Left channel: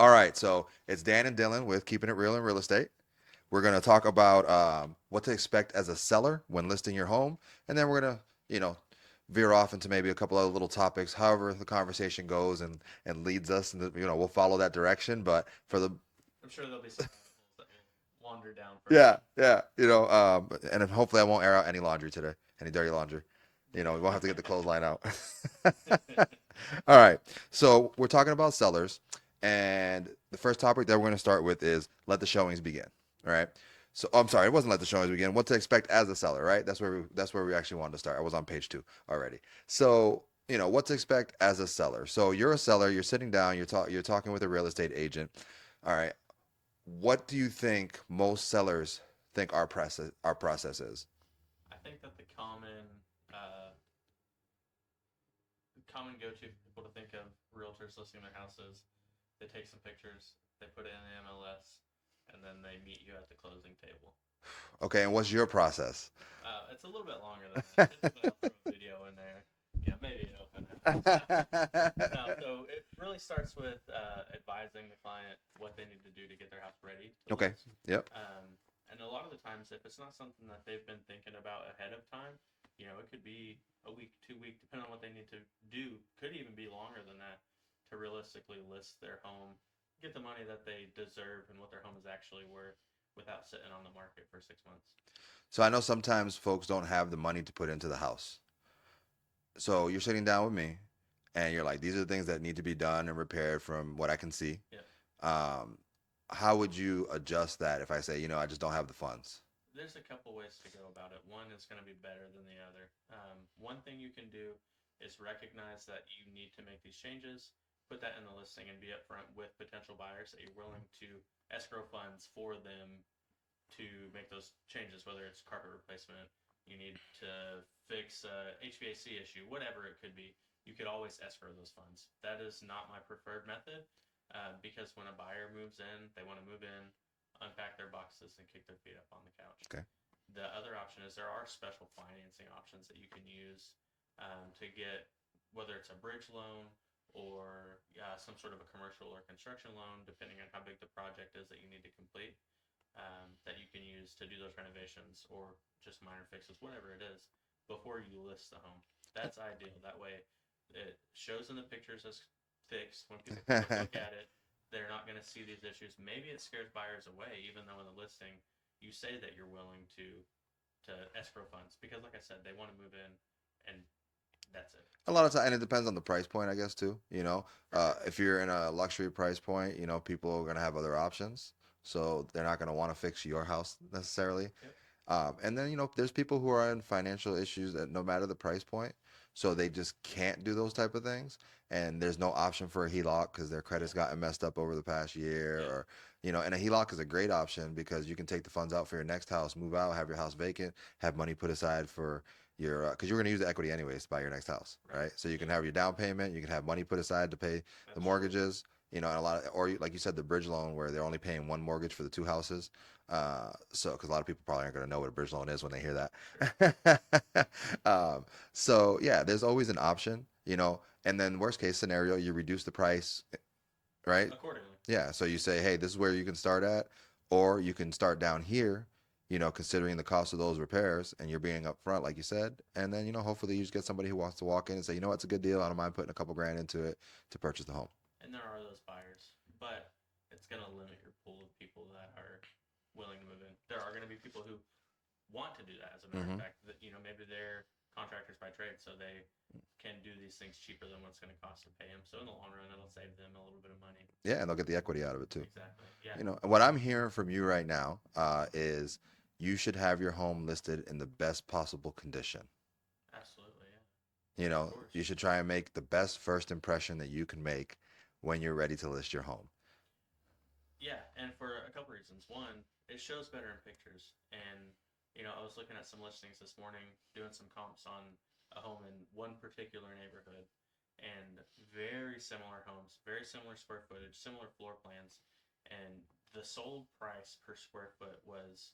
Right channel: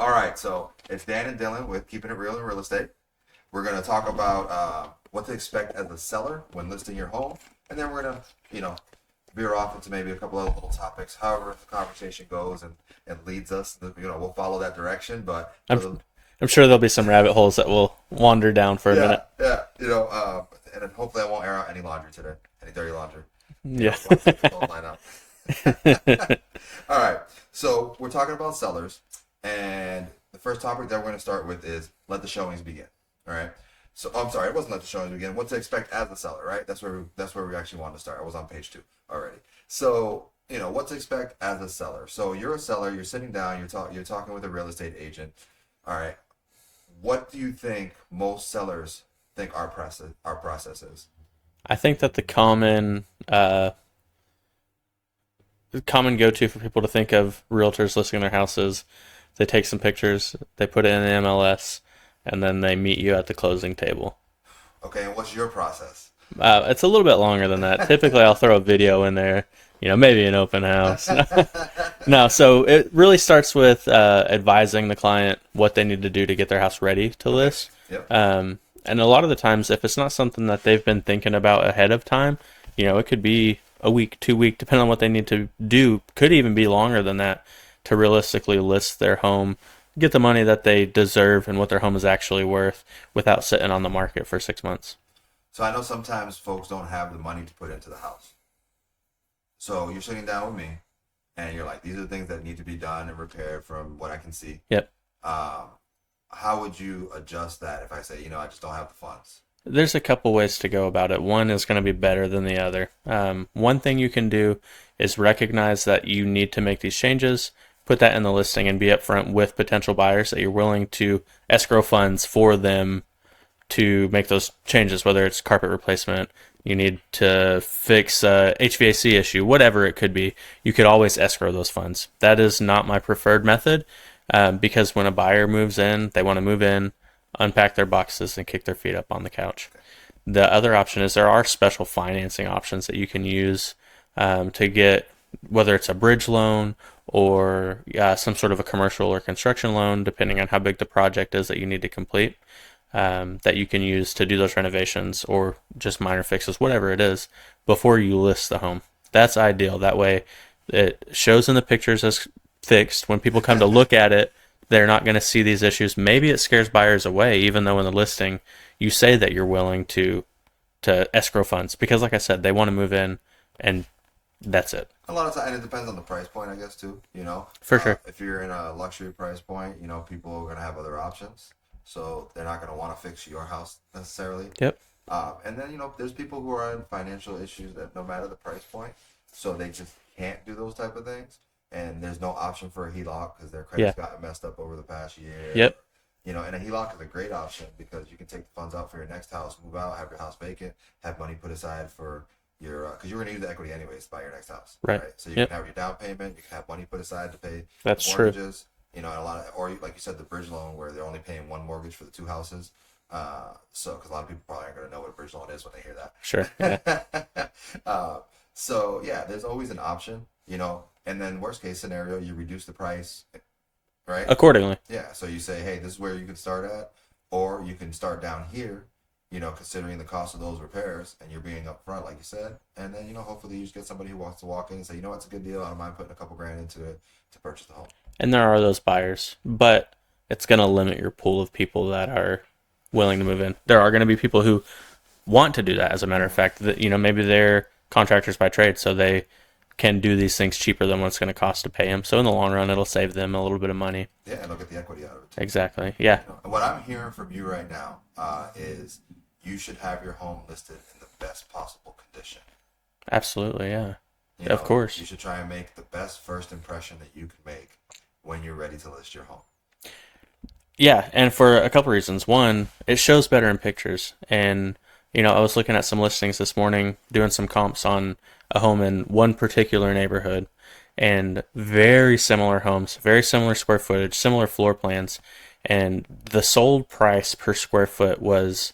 All right, so it's Dan and Dylan with Keeping It Real in Real Estate. We're going to talk about what to expect as a seller when listing your home, and then we're going to, veer off into maybe a couple other little topics. However, the conversation goes and leads us, and we'll follow that direction. But for I'm the I'm sure there'll be some rabbit holes that we'll wander down for a yeah, minute. yeah, and then hopefully I won't air out any laundry today, any dirty laundry. Yeah. We won't have to get the clothesline out. All right, so we're talking about sellers, and the first topic that we're going to start with is let the showings begin. All right. So I'm sorry, it wasn't let the showings begin. What to expect as a seller, right? That's where we actually wanted to start. I was on page 2 already. So what to expect as a seller. So you're a seller. You're sitting down. You're talking with a real estate agent. All right. What do you think most sellers think our process is? I think that the common go-to for people to think of realtors listing their houses, they take some pictures, they put it in the MLS, and then they meet you at the closing table. Okay, and what's your process? It's a little bit longer than that. Typically, I'll throw a video in there, maybe an open house. No, so it really starts with advising the client what they need to do to get their house ready to Okay. list. Yep. And a lot of the times, if it's not something that they've been thinking about ahead of time, it could be a week, 2 week, depending on what they need to do. Could even be longer than that to realistically list their home, get the money that they deserve and what their home is actually worth without sitting on the market for 6 months. So I know sometimes folks don't have the money to put into the house. So you're sitting down with me, and you're like, these are the things that need to be done and repaired from what I can see. Yep. Um, how would you adjust that if I say, I just don't have the funds? There's a couple ways to go about it. One is going to be better than the other. One thing you can do is recognize that you need to make these changes, put that in the listing, and be upfront with potential buyers that you're willing to escrow funds for them to make those changes, whether it's carpet replacement, you need to fix a HVAC issue, whatever it could be. You could always escrow those funds. That is not my preferred method because when a buyer moves in, they want to move in, unpack their boxes, and kick their feet up on the couch. Okay. The other option is there are special financing options that you can use to get, whether it's a bridge loan or some sort of a commercial or construction loan, depending on how big the project is that you need to complete, that you can use to do those renovations or just minor fixes, whatever it is, before you list the home. That's ideal. That way it shows in the pictures as fixed. When people come to look at it, they're not going to see these issues. Maybe it scares buyers away, even though in the listing you say that you're willing to escrow funds because, like I said, they want to move in, and that's it. A lot of time, and it depends on the price point, I guess, too. For sure. If you're in a luxury price point, people are going to have other options. So they're not going to want to fix your house necessarily. Yep. And then, there's people who are in financial issues that no matter the price point, so they just can't do those type of things. And there's no option for a HELOC because their Yeah. credit's gotten messed up over the past year. Yep. Or, and a HELOC is a great option because you can take the funds out for your next house, move out, have your house vacant, have money put aside for your, because you're going to use the equity anyways to buy your next house, Right. right? So you can Yep. have your down payment, you can have money put aside to pay the That's true. mortgages, and a lot of, or like you said, the bridge loan where they're only paying one mortgage for the two houses. So because a lot of people probably aren't going to know what a bridge loan is when they hear Sure. Yeah. that. So yeah, there's always an option, and then worst case scenario, you reduce the price, right? Accordingly. Yeah, so you say, hey, this is where you can start at, or you can start down here, considering the cost of those repairs, and you're being upfront, like you said, and then hopefully you just get somebody who wants to walk in and say, it's a good deal. I don't mind putting a couple grand into it to purchase the home. And there are those buyers, but it's going to limit your pool of people that are willing to move in. There are going to be people who want to do that. As a matter of fact, that maybe they're contractors by trade, so they can do these things cheaper than what it's going to cost to pay them. So in the long run, it'll save them a little bit of money. Yeah, and they'll get the equity out of it too. Exactly. Yeah. And what I'm hearing from you right now is you should have your home listed in the best possible condition. Absolutely. Yeah. Of course. You should try and make the best first impression that you can make when you're ready to list your home. Yeah, and for a couple reasons. One, it shows better in pictures. And, I was looking at some listings this morning, doing some comps on a home in one particular neighborhood, and very similar homes, very similar square footage, similar floor plans. And the sold price per square foot was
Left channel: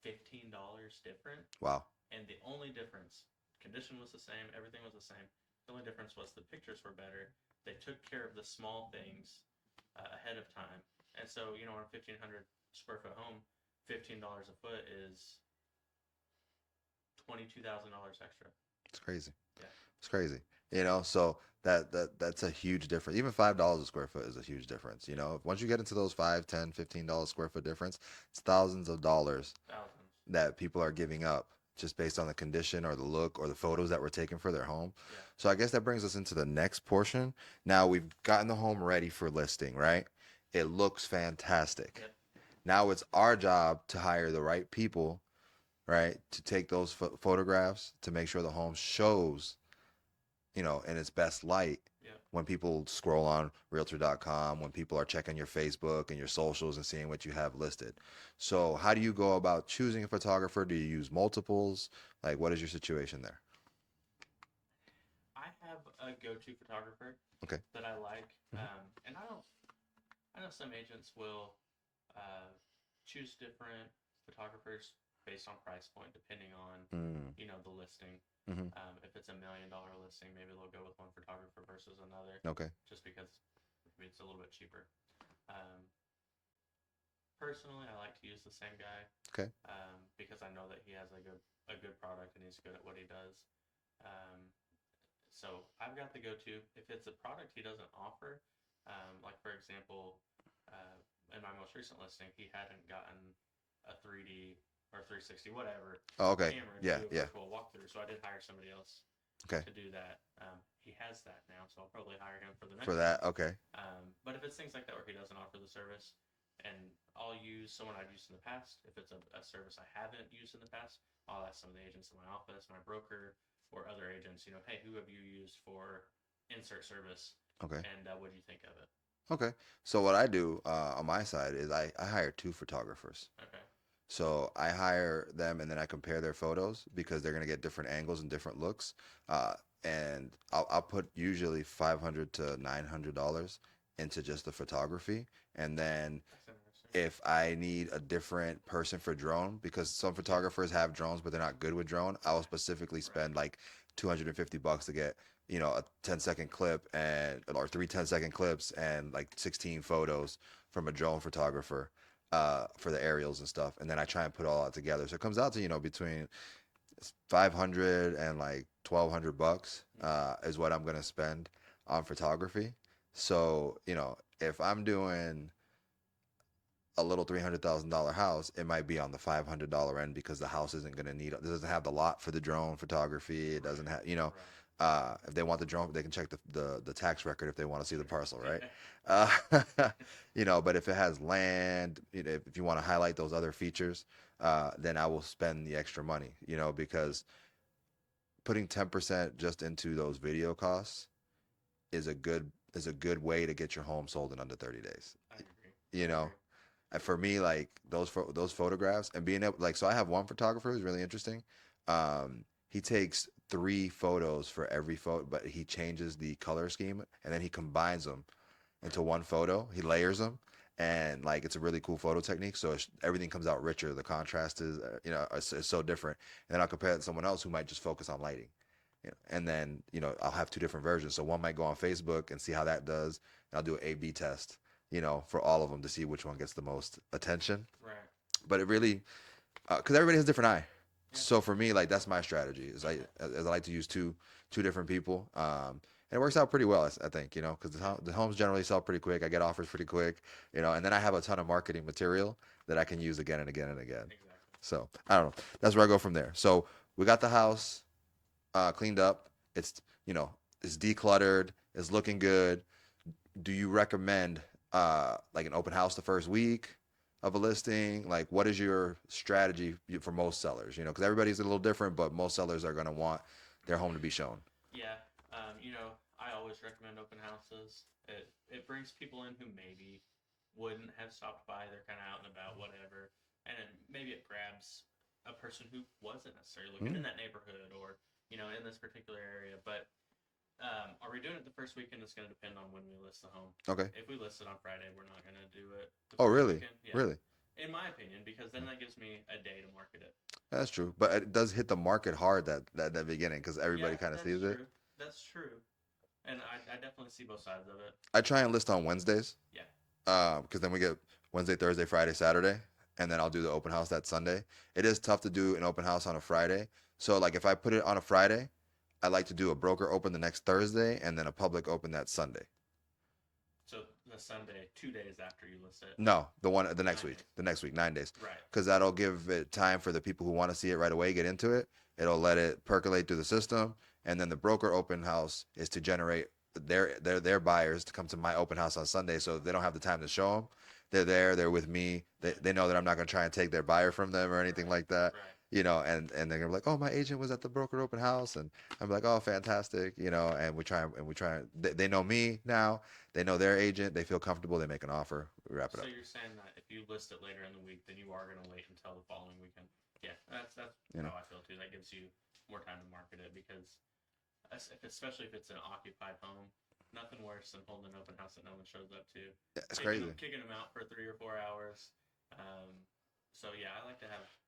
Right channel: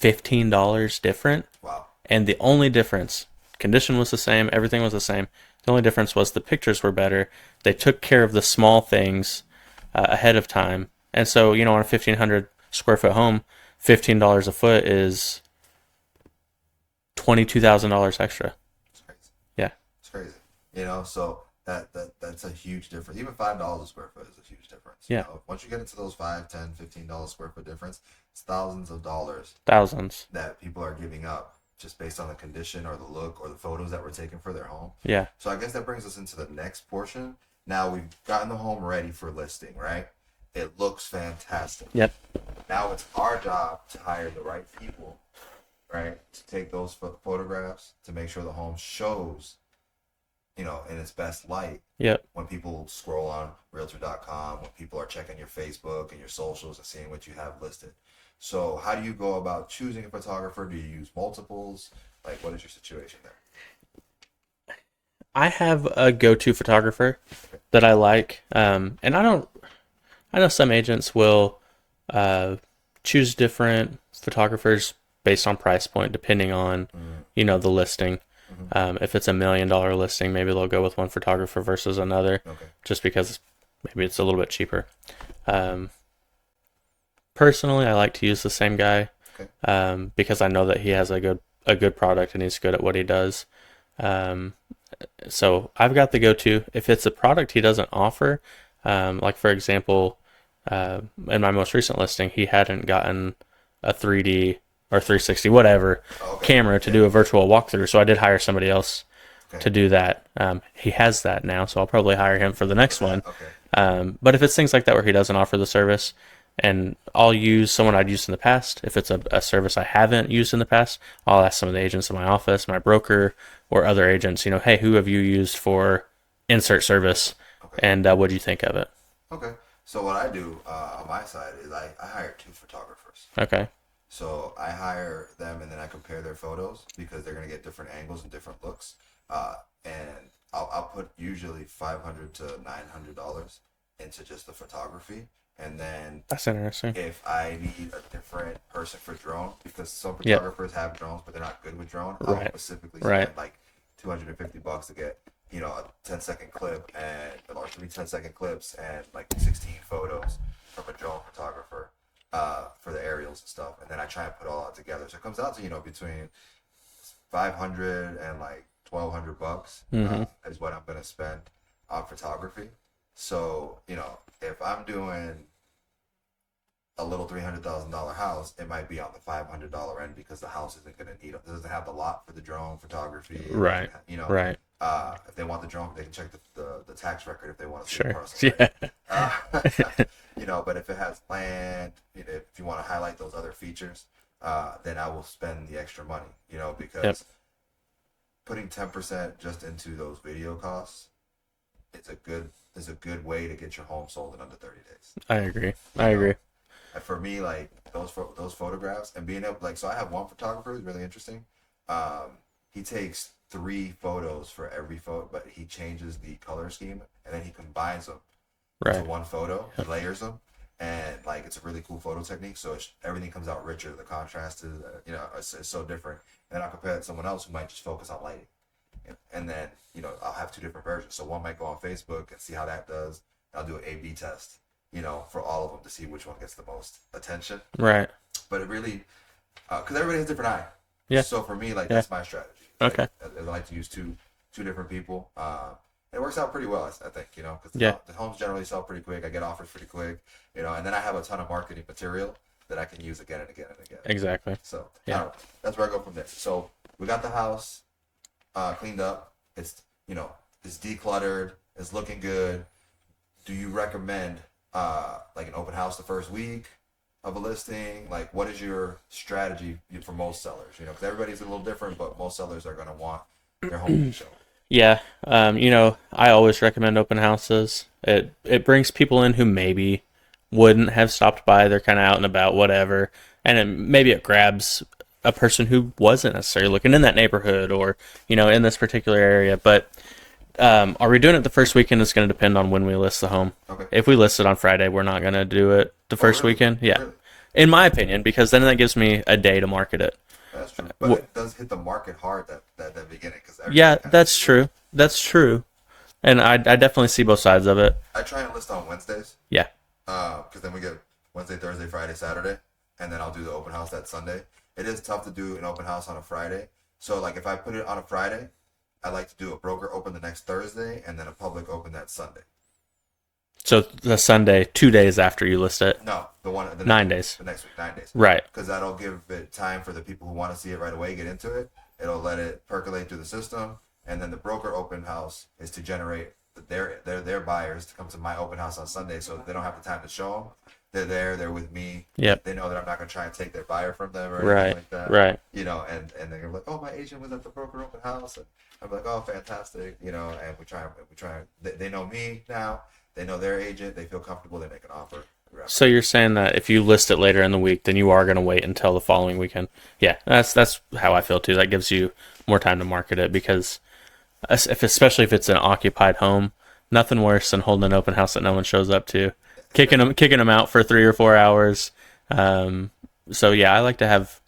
$15 different. Wow. And the only difference, condition was the same, everything was the same. The only difference was the pictures were better. They took care of the small things ahead of time. And so, on a 1,500 square foot home, $15 a foot is $22,000 extra. It's crazy. Yeah. It's crazy. So that's a huge difference. Even $5 a square foot is a huge difference. Yeah. Once you get into those $5, $10, $15 square foot difference, it's thousands of dollars Thousands. that people are giving up just based on the condition or the look or the photos that were taken for their home. Yeah. So I guess that brings us into the next portion. Now we've gotten the home ready for listing, right? It looks fantastic. Yep. Now it's our job to hire the right people, right, to take those photographs to make sure the home shows, in its best light. Yep. When people scroll on realtor.com, when people are checking your Facebook and your socials and seeing what you have listed. So how do you go about choosing a photographer? Do you use multiples? Like, what is your situation there? I have a go-to photographer Okay. that I like, and I know some agents will choose different photographers based on price point, depending on the listing. If it's $1 million listing, maybe they'll go with one photographer versus another, Okay. just because maybe it's a little bit cheaper. Personally, I like to use the same guy, because I know that he has a good product and he's good at what he does. So I've got the go-to. If it's a product he doesn't offer, like for example, in my most recent listing, he hadn't gotten a 3D or 360 whatever camera to do a virtual walkthrough, so I did hire somebody else to do that. He has that now, so I'll probably hire him for the next one. But if it's things like that where he doesn't offer the service, and I'll use someone I'd used in the past. If it's a service I haven't used in the past, I'll ask some of the agents in my office, my broker, or other agents, hey, who have you used for insert service? And what do you think of it? Okay. So what I do on my side is I hire 2 photographers. Okay. So I hire them and then I compare their photos because they're going to get different angles and different looks. And I'll put usually $500 to $900 into just the photography. And then that's interesting. If I need a different person for drone, because some photographers have drones, but they're not good with drone, I'll specifically spend like $250 to get, a 10-second clip or 3 10-second clips and like 16 photos from a drone photographer for the aerials and stuff. And then I try and put it all out together. So it comes out to, between 500 and like $1,200 is what I'm going to spend on photography. So, if I'm doing a little $300,000 house, it might be on the $500 end because the house isn't going to need it. It doesn't have the lot for the drone photography. Right. Right. If they want the drone, they can check the tax record if they want to see the parcel. Right. But if it has land, if you want to highlight those other features, then I will spend the extra money. Because putting 10% just into those video costs is a good way to get your home sold in under 30 days. I agree. I agree. And for me, like those photographs and being able, so I have one photographer who's really interesting. He takes 3 photos for every photo, but he changes the color scheme and then he combines them into one photo. He layers them, and like it's a really cool photo technique. So everything comes out richer. The contrast is, it's so different. And then I'll compare it to someone else who might just focus on lighting. And then, I'll have 2 different versions. So one might go on Facebook and see how that does. And I'll do an A/B test, for all of them to see which one gets the most attention. Right. But it really, because everybody has a different eye. Yeah. So for me, like, that's my strategy. It's like, as I like to use two different people. And it works out pretty well, I think, because the homes generally sell pretty quick. I get offers pretty quick, and then I have a ton of marketing material that I can use again and again and again. Exactly. So, I don't know. That's where I go from there. So we got the house cleaned up. It's it's decluttered. It's looking good. Do you recommend like an open house the first week of a listing? Like, what is your strategy for most sellers? Because everybody's a little different, but most sellers are going to want their home to be shown. Yeah. I always recommend open houses. It brings people in who maybe wouldn't have stopped by. They're kind of out and about, whatever, and maybe it grabs a person who wasn't necessarily looking in that neighborhood or in this particular area. But are we doing it the first weekend? It's going to depend on when we list the home. Okay. If we list it on Friday, we're not going to do it the first weekend. Yeah. Really? In my opinion, because then that gives me a day to market it. That's true, but it does hit the market hard that beginning because that's true. That's true, and I definitely see both sides of it. I try and list on Wednesdays. Yeah. Because then we get Wednesday, Thursday, Friday, Saturday, and then I'll do the open house that Sunday. It is tough to do an open house on a Friday. So like if I put it on a Friday, I like to do a broker open the next Thursday and then a public open that Sunday. So the Sunday, 2 days after you list it. No, the one the next 9 days. The next week, 9 days. Right. Because that'll give it time for the people who want to see it right away get into it. It'll let it percolate through the system, and then the broker open house is to generate their buyers to come to my open house on Sunday, so they don't have the time to show them. They're there. They're with me. Yep. They know that I'm not gonna try and take their buyer from them or anything Right. like that. Right. You know, and they're gonna be like, oh, my agent was at the broker open house, and I'm like, oh, fantastic. You know, and we try. They know me now. They know their agent. They feel comfortable. They make an offer. So you're saying that if you list it later in the week, then you are going to wait until the following weekend. Yeah, that's how I feel too. That gives you more time to market it because, especially if it's an occupied home, nothing worse than holding an open house that no one shows up to, kicking them out for 3 or 4 hours. So yeah, I like to have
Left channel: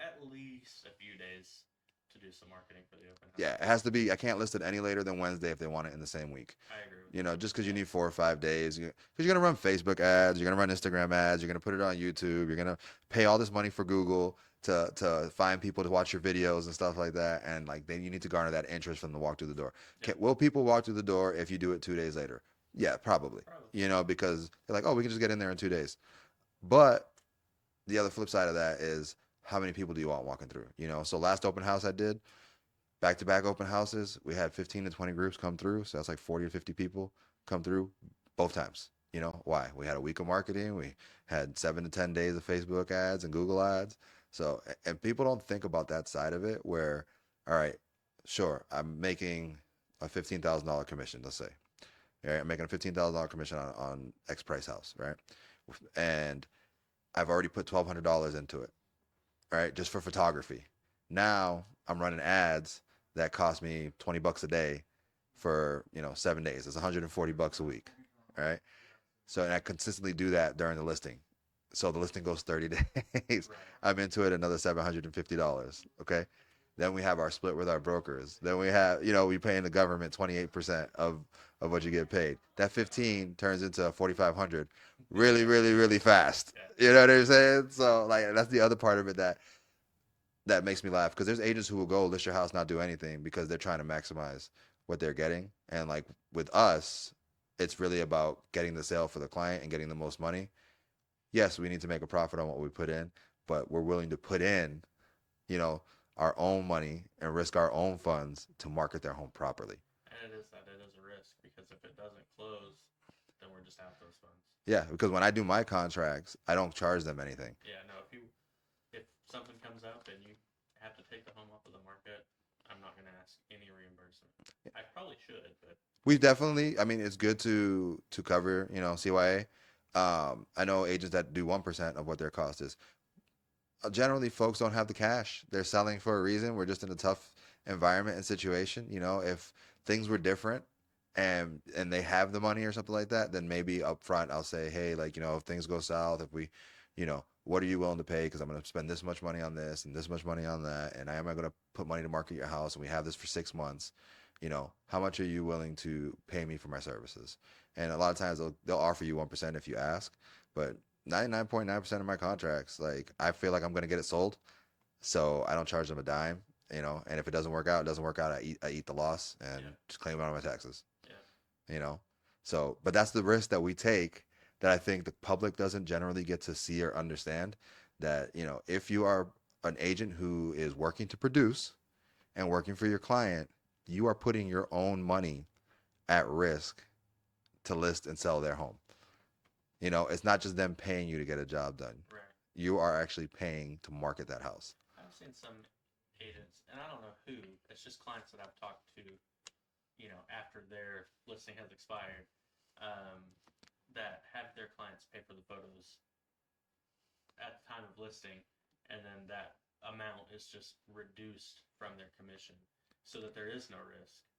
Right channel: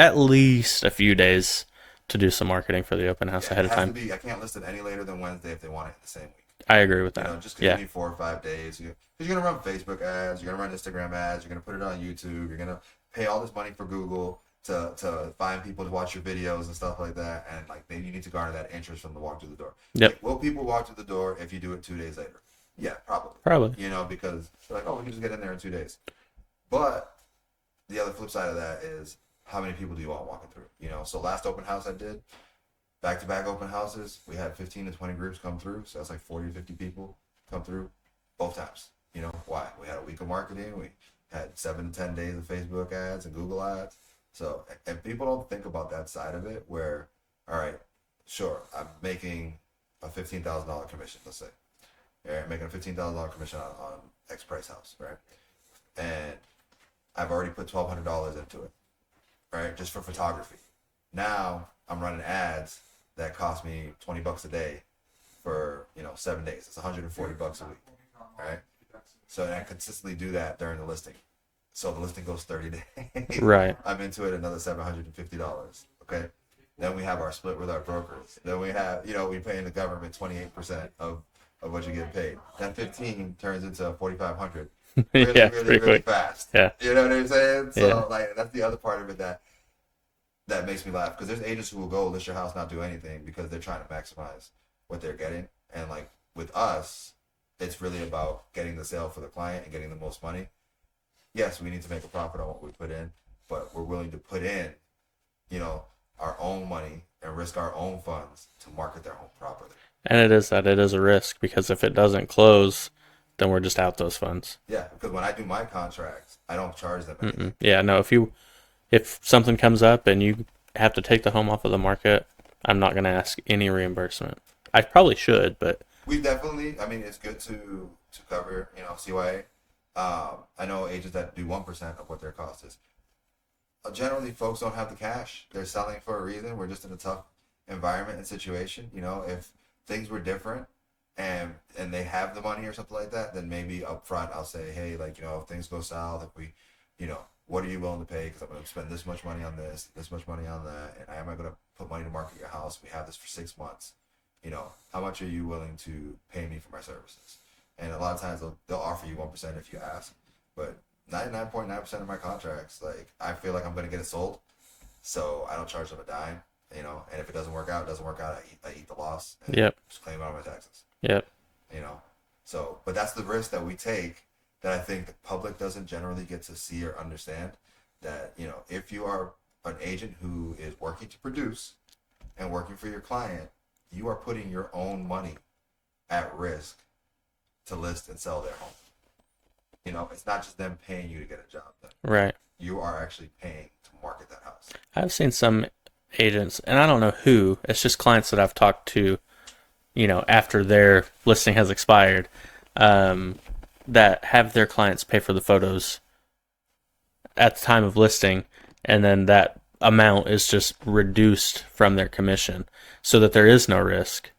at least a few days to do some marketing for the open house ahead of time. I can't list it any later than Wednesday if they want it in the same week. I agree with You that. know, just because you need 4 or 5 days. Because you're going to run Facebook ads, you're going to run Instagram ads, you're going to put it on YouTube, you're going to pay all this money for Google to find people to watch your videos and stuff like that. And like you need to garner that interest from the walk through the door. Yep. Like, will people walk through the door if you do it 2 days later? Yeah, probably. Probably. You know, because they're like, oh, we can just get in there in 2 days. But the other flip side of that is how many people do you want walking through? You know, so last open house I did, back-to-back open houses, we had 15 to 20 groups come through, so that's like 40 to 50 people come through both times. You know why? We had a week of marketing, we had 7 to 10 days of Facebook ads and Google ads. So, and people don't think about that side of it where, all right, sure, I'm making a $15,000 commission, let's say. Right? I'm making a $15,000 commission on X price house, right? And I've already put $1,200 into it, right? Just for photography. Now I'm running ads that cost me $20 a day for 7 days. It's $140 a week, right? So and I consistently do that during the listing. So the listing goes 30 days. Right. I'm into it another $750. Okay. Then we have our split with our brokers. Then we have we pay in the government 28% of what you get paid. That 15 turns into 4,500 really, Yeah, really, pretty really quick. fast. Yeah. You know what I'm saying? So Yeah. like that's the other part of it that makes me laugh, because there's agents who will go list your house, not do anything because they're trying to maximize what they're getting. And like with us, it's really about getting the sale for the client and getting the most money. Yes, we need to make a profit on what we put in, but we're willing to put in, our own money and risk our own funds to market their home properly. And it is a risk because if it doesn't close, then we're just out those funds. Yeah, because when I do my contracts, I don't charge them anything. Yeah, no, if something comes up and you have to take the home off of the market, I'm not going to ask any reimbursement. I probably should, but We definitely, it's good to cover, CYA. I know agents that do 1% of what their cost is. Generally, folks don't have the cash. They're selling for a reason. We're just in a tough environment and situation. If things were different and they have the money or something like that, then maybe up front I'll say, hey, like, if things go south, if we, what are you willing to pay? Because I'm going to spend this much money on this and this much money on that. And am I going to put money to market your house? And we have this for 6 months. How much are you willing to pay me for my services? And a lot of times they'll offer you 1% if you ask, but 99.9% of my contracts, like I feel like I'm going to get it sold, so I don't charge them a dime, and if it doesn't work out, it doesn't work out. I eat the loss and just claim it on my taxes. Yep. So, but that's the risk that we take that I think the public doesn't generally get to see or understand, that, if you are an agent who is working to produce and working for your client, you are putting your own money at risk to list and sell their home. It's not just them paying you to get a job done. Right. You are actually paying to market that house. I've seen some agents, and I don't know who, it's just clients that I've talked to, after their listing has expired, that have their clients pay for the photos at the time of listing, and then that amount is just reduced from their commission so that there is no risk.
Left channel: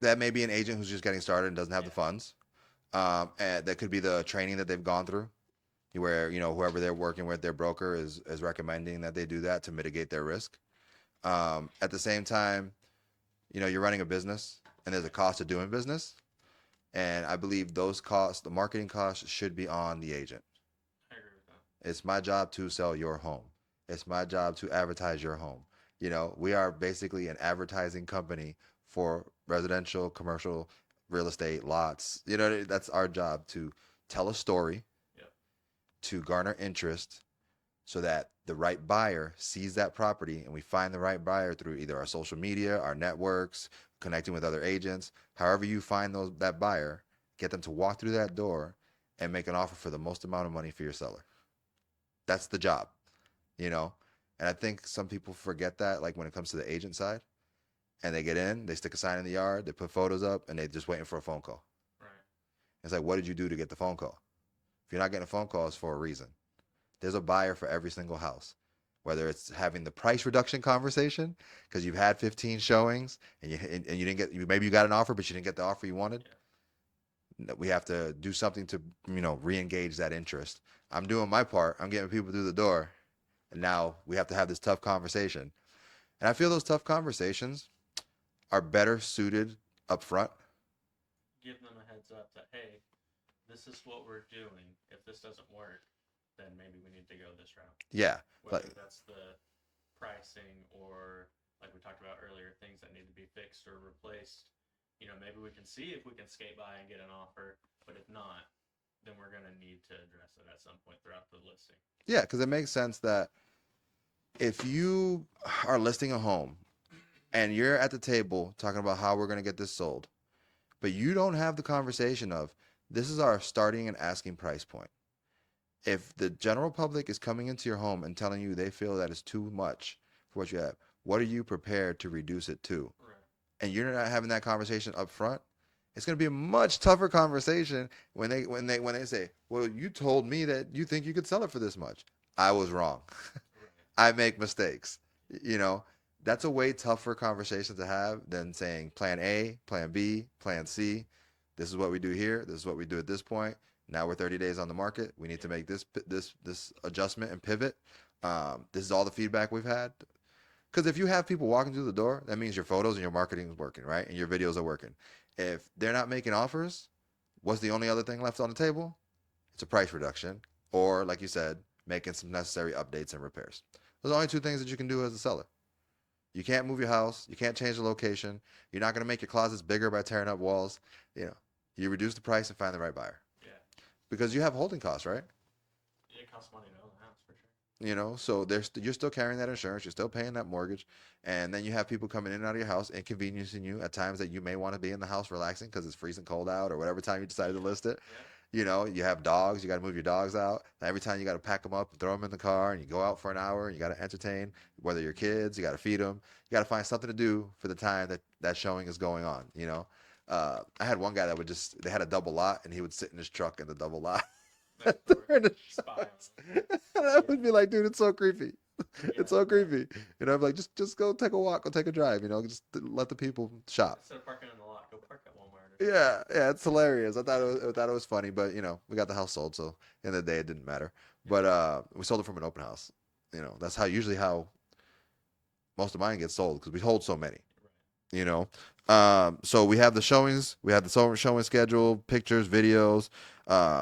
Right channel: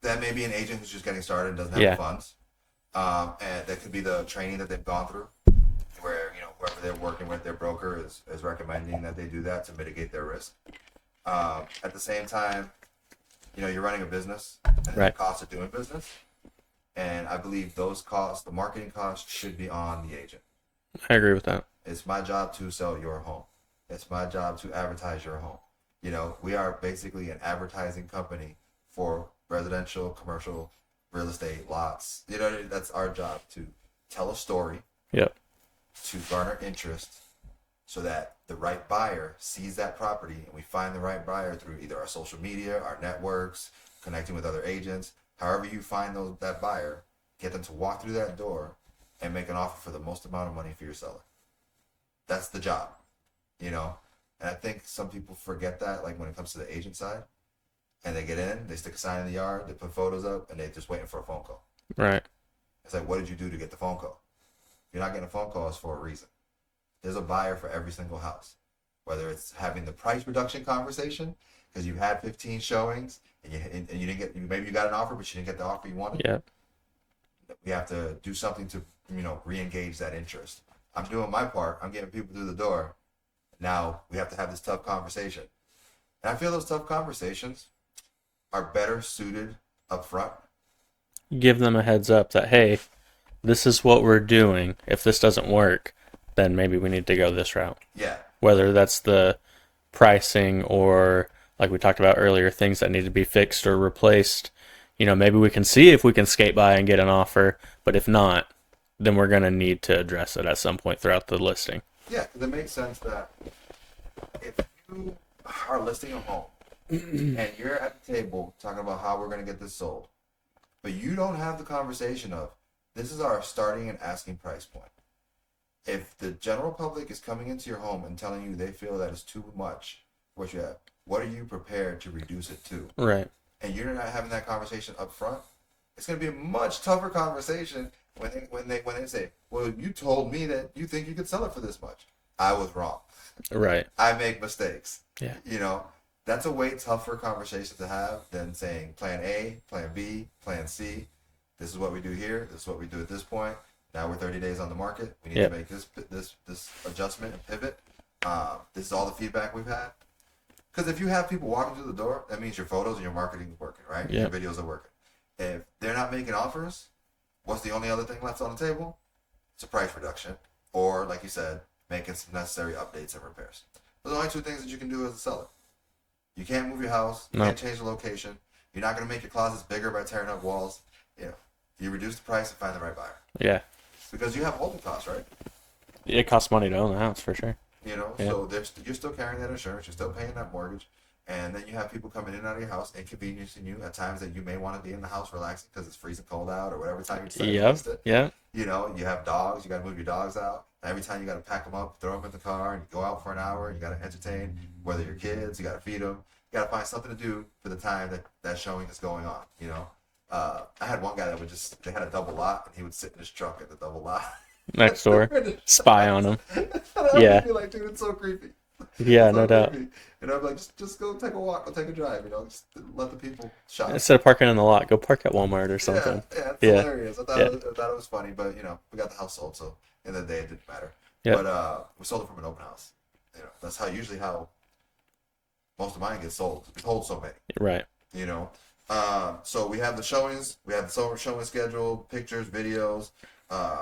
That may be an agent who's just getting started and doesn't have the funds. And that could be the training that they've gone through, where whoever they're working with, their broker is recommending that they do that to mitigate their risk. At the same time, you're running a business and there's a cost of doing business, And I believe those costs, the marketing costs, should be on the agent. I agree with that. It's my job to sell your home. It's my job to advertise your home. We are basically an advertising company for residential, commercial, real estate lots. That's our job, to tell a story, Yep. to garner interest, so that the right buyer sees that property, and we find the right buyer through either our social media, our networks, connecting with other agents. However you find that buyer, get them to walk through that door and make an offer for the most amount of money for your seller. That's the job, you know. And I think some people forget that, like when it comes to the agent side, and they get in, they stick a sign in the yard, they put photos up, and they're just waiting for a phone call. Right. It's like, what did you do to get the phone call? If you're not getting a phone call, it's for a reason. There's a buyer for every single house, whether it's having the price reduction conversation because you've had 15 showings and you didn't get, maybe you got an offer but you didn't get the offer you wanted. Yeah. We have to do something to re-engage that interest. I'm doing my part. I'm getting people through the door, and now we have to have this tough conversation. And I feel those tough conversations are better suited up front. Give them a heads up that, hey, this is what we're doing. If this doesn't work, then maybe we need to go this route. Yeah. Whether that's the pricing or, like we talked about earlier, things that need to be fixed or replaced. Maybe we can see if we can skate by and get an offer, but if not, then we're going to need to address it at some point throughout the listing. Yeah, because it makes sense that if you are listing a home and you're at the table talking about how we're going to get this sold, but you don't have the conversation of, this is our starting and asking price point. If the general public is coming into your home and telling you they feel that it's too much for what you have, what are you prepared to reduce it to? Right. And you're not having that conversation up front, it's going to be a much tougher conversation when they say, well, you told me that you think you could sell it for this much. I was wrong. Right. I make mistakes. Yeah. That's a way tougher conversation to have than saying plan A, plan B, plan C. This is what we do here. This is what we do at this point. Now we're 30 days on the market. We need to make this adjustment and pivot. This is all the feedback we've had. Because if you have people walking through the door, that means your photos and your marketing is working, right? Yeah. Your videos are working. If they're not making offers, what's the only other thing left on the table? It's a price reduction, or like you said, making some necessary updates and repairs. Those are the only two things that you can do as a seller. You can't move your house. You can't change the location. You're not going to make your closets bigger by tearing up walls. You reduce the price and find the right buyer. Yeah. Because you have holding costs, right? It costs money to own the house for sure. So you're still carrying that insurance. You're still paying that mortgage. And then you have people coming in and out of your house, inconveniencing you at times that you may want to be in the house relaxing because it's freezing cold out or whatever time you decide to list it. Yeah. You have dogs. You got to move your dogs out. Every time you got to pack them up, throw them in the car, and you go out for an hour. And you got to entertain, whether your kids, you got to feed them. You got to find something to do for the time that showing is going on. I had one guy that they had a double lot, and he would sit in his truck at the double lot. Next door. Spy on them. I'd be like, dude, it's so creepy. Yeah, no doubt. I'm like, just go take a walk, go take a drive. Just let the people shop. Instead of parking in the lot, go park at Walmart or something. Yeah, it's hilarious. I thought it was funny, but we got the house sold, so at the end of the day, it didn't matter. Yep. But we sold it from an open house. That's usually how most of mine get sold because we hold so many. Right. So we have the showings. We have the showing schedule, pictures, videos.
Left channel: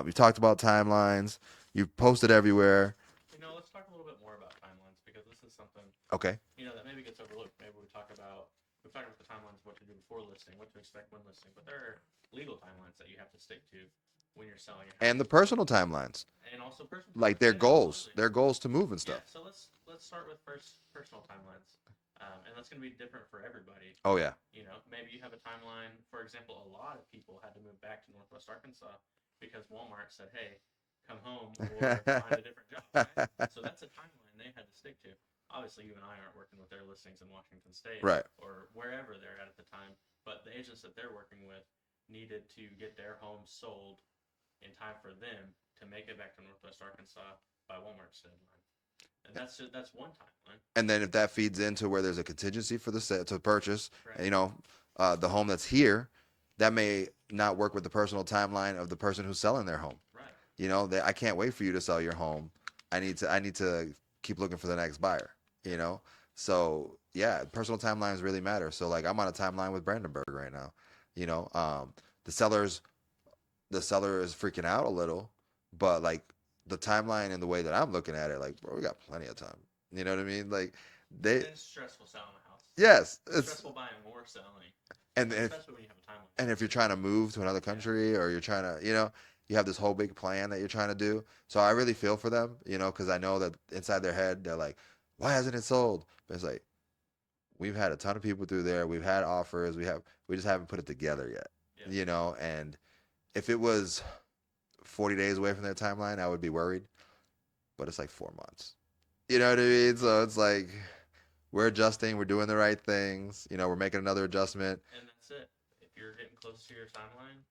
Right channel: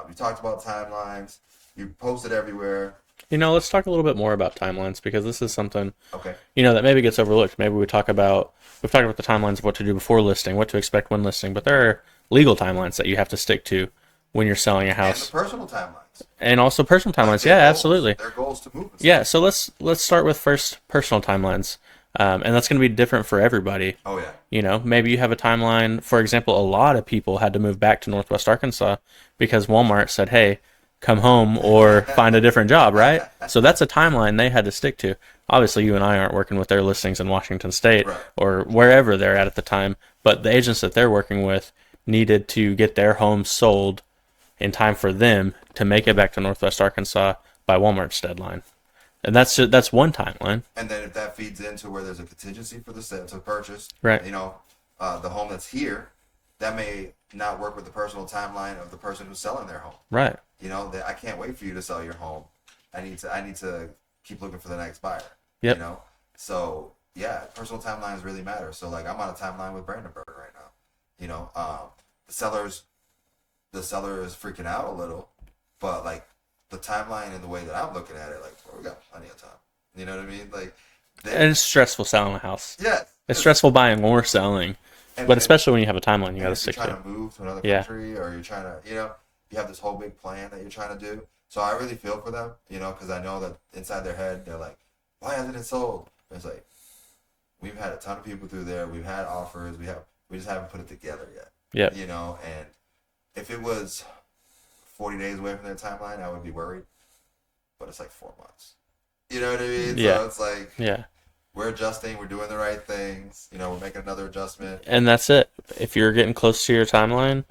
We talked about timelines. You posted everywhere. Let's talk a little bit more about timelines because this is something Okay. That maybe gets overlooked. Maybe we've talked about the timelines of what to do before listing, what to expect when listing, but there are legal timelines that you have to stick to when you're selling a house. And the personal timelines. And also personal timelines. Like Yeah, goals, absolutely. Their goals to move and stuff. Yeah, so let's start with first personal timelines. And that's going to be different for everybody. Oh, yeah. Maybe you have a timeline. For example, a lot of people had to move back to Northwest Arkansas because Walmart said, hey, come home or find a different job, right? So that's a timeline they had to stick to. Obviously, you and I aren't working with their listings in Washington State or wherever they're at the time, but the agents that they're working with needed to get their homes sold in time for them to make it back to Northwest Arkansas by Walmart's deadline. And that's one timeline. And then if that feeds into where there's a contingency for to purchase, right? The home that's here, that may not work with the personal timeline of the person who's selling their home. Right. I can't wait for you to sell your home. I need to keep looking for the next buyer. Yep. So yeah, personal timelines really matter. So like I'm on a timeline with Brandenburg right now. The sellers the seller is freaking out a little, but like the timeline and the way that I'm looking at it, like, bro, we got plenty of time. You know what I mean? Like, they, And it's stressful selling a house. yes, It's stressful buying or selling, but and especially when you have a timeline you and got to if you're stick trying to. to move to another Yeah, country or you're trying to, you have this whole big plan that you're trying to do. So I really feel for them, because I know that inside their head they're like, why hasn't it sold? But it's like we've had a ton of people through there. We've had offers. We just haven't put it together yet. yeah, And if it was 40 days away from their timeline, I would be worried. But it's like 4 months. You know what I mean? yeah, So it's like yeah. we're adjusting. We're doing the right things. We're making another adjustment. And that's it. If you're getting close to your timeline,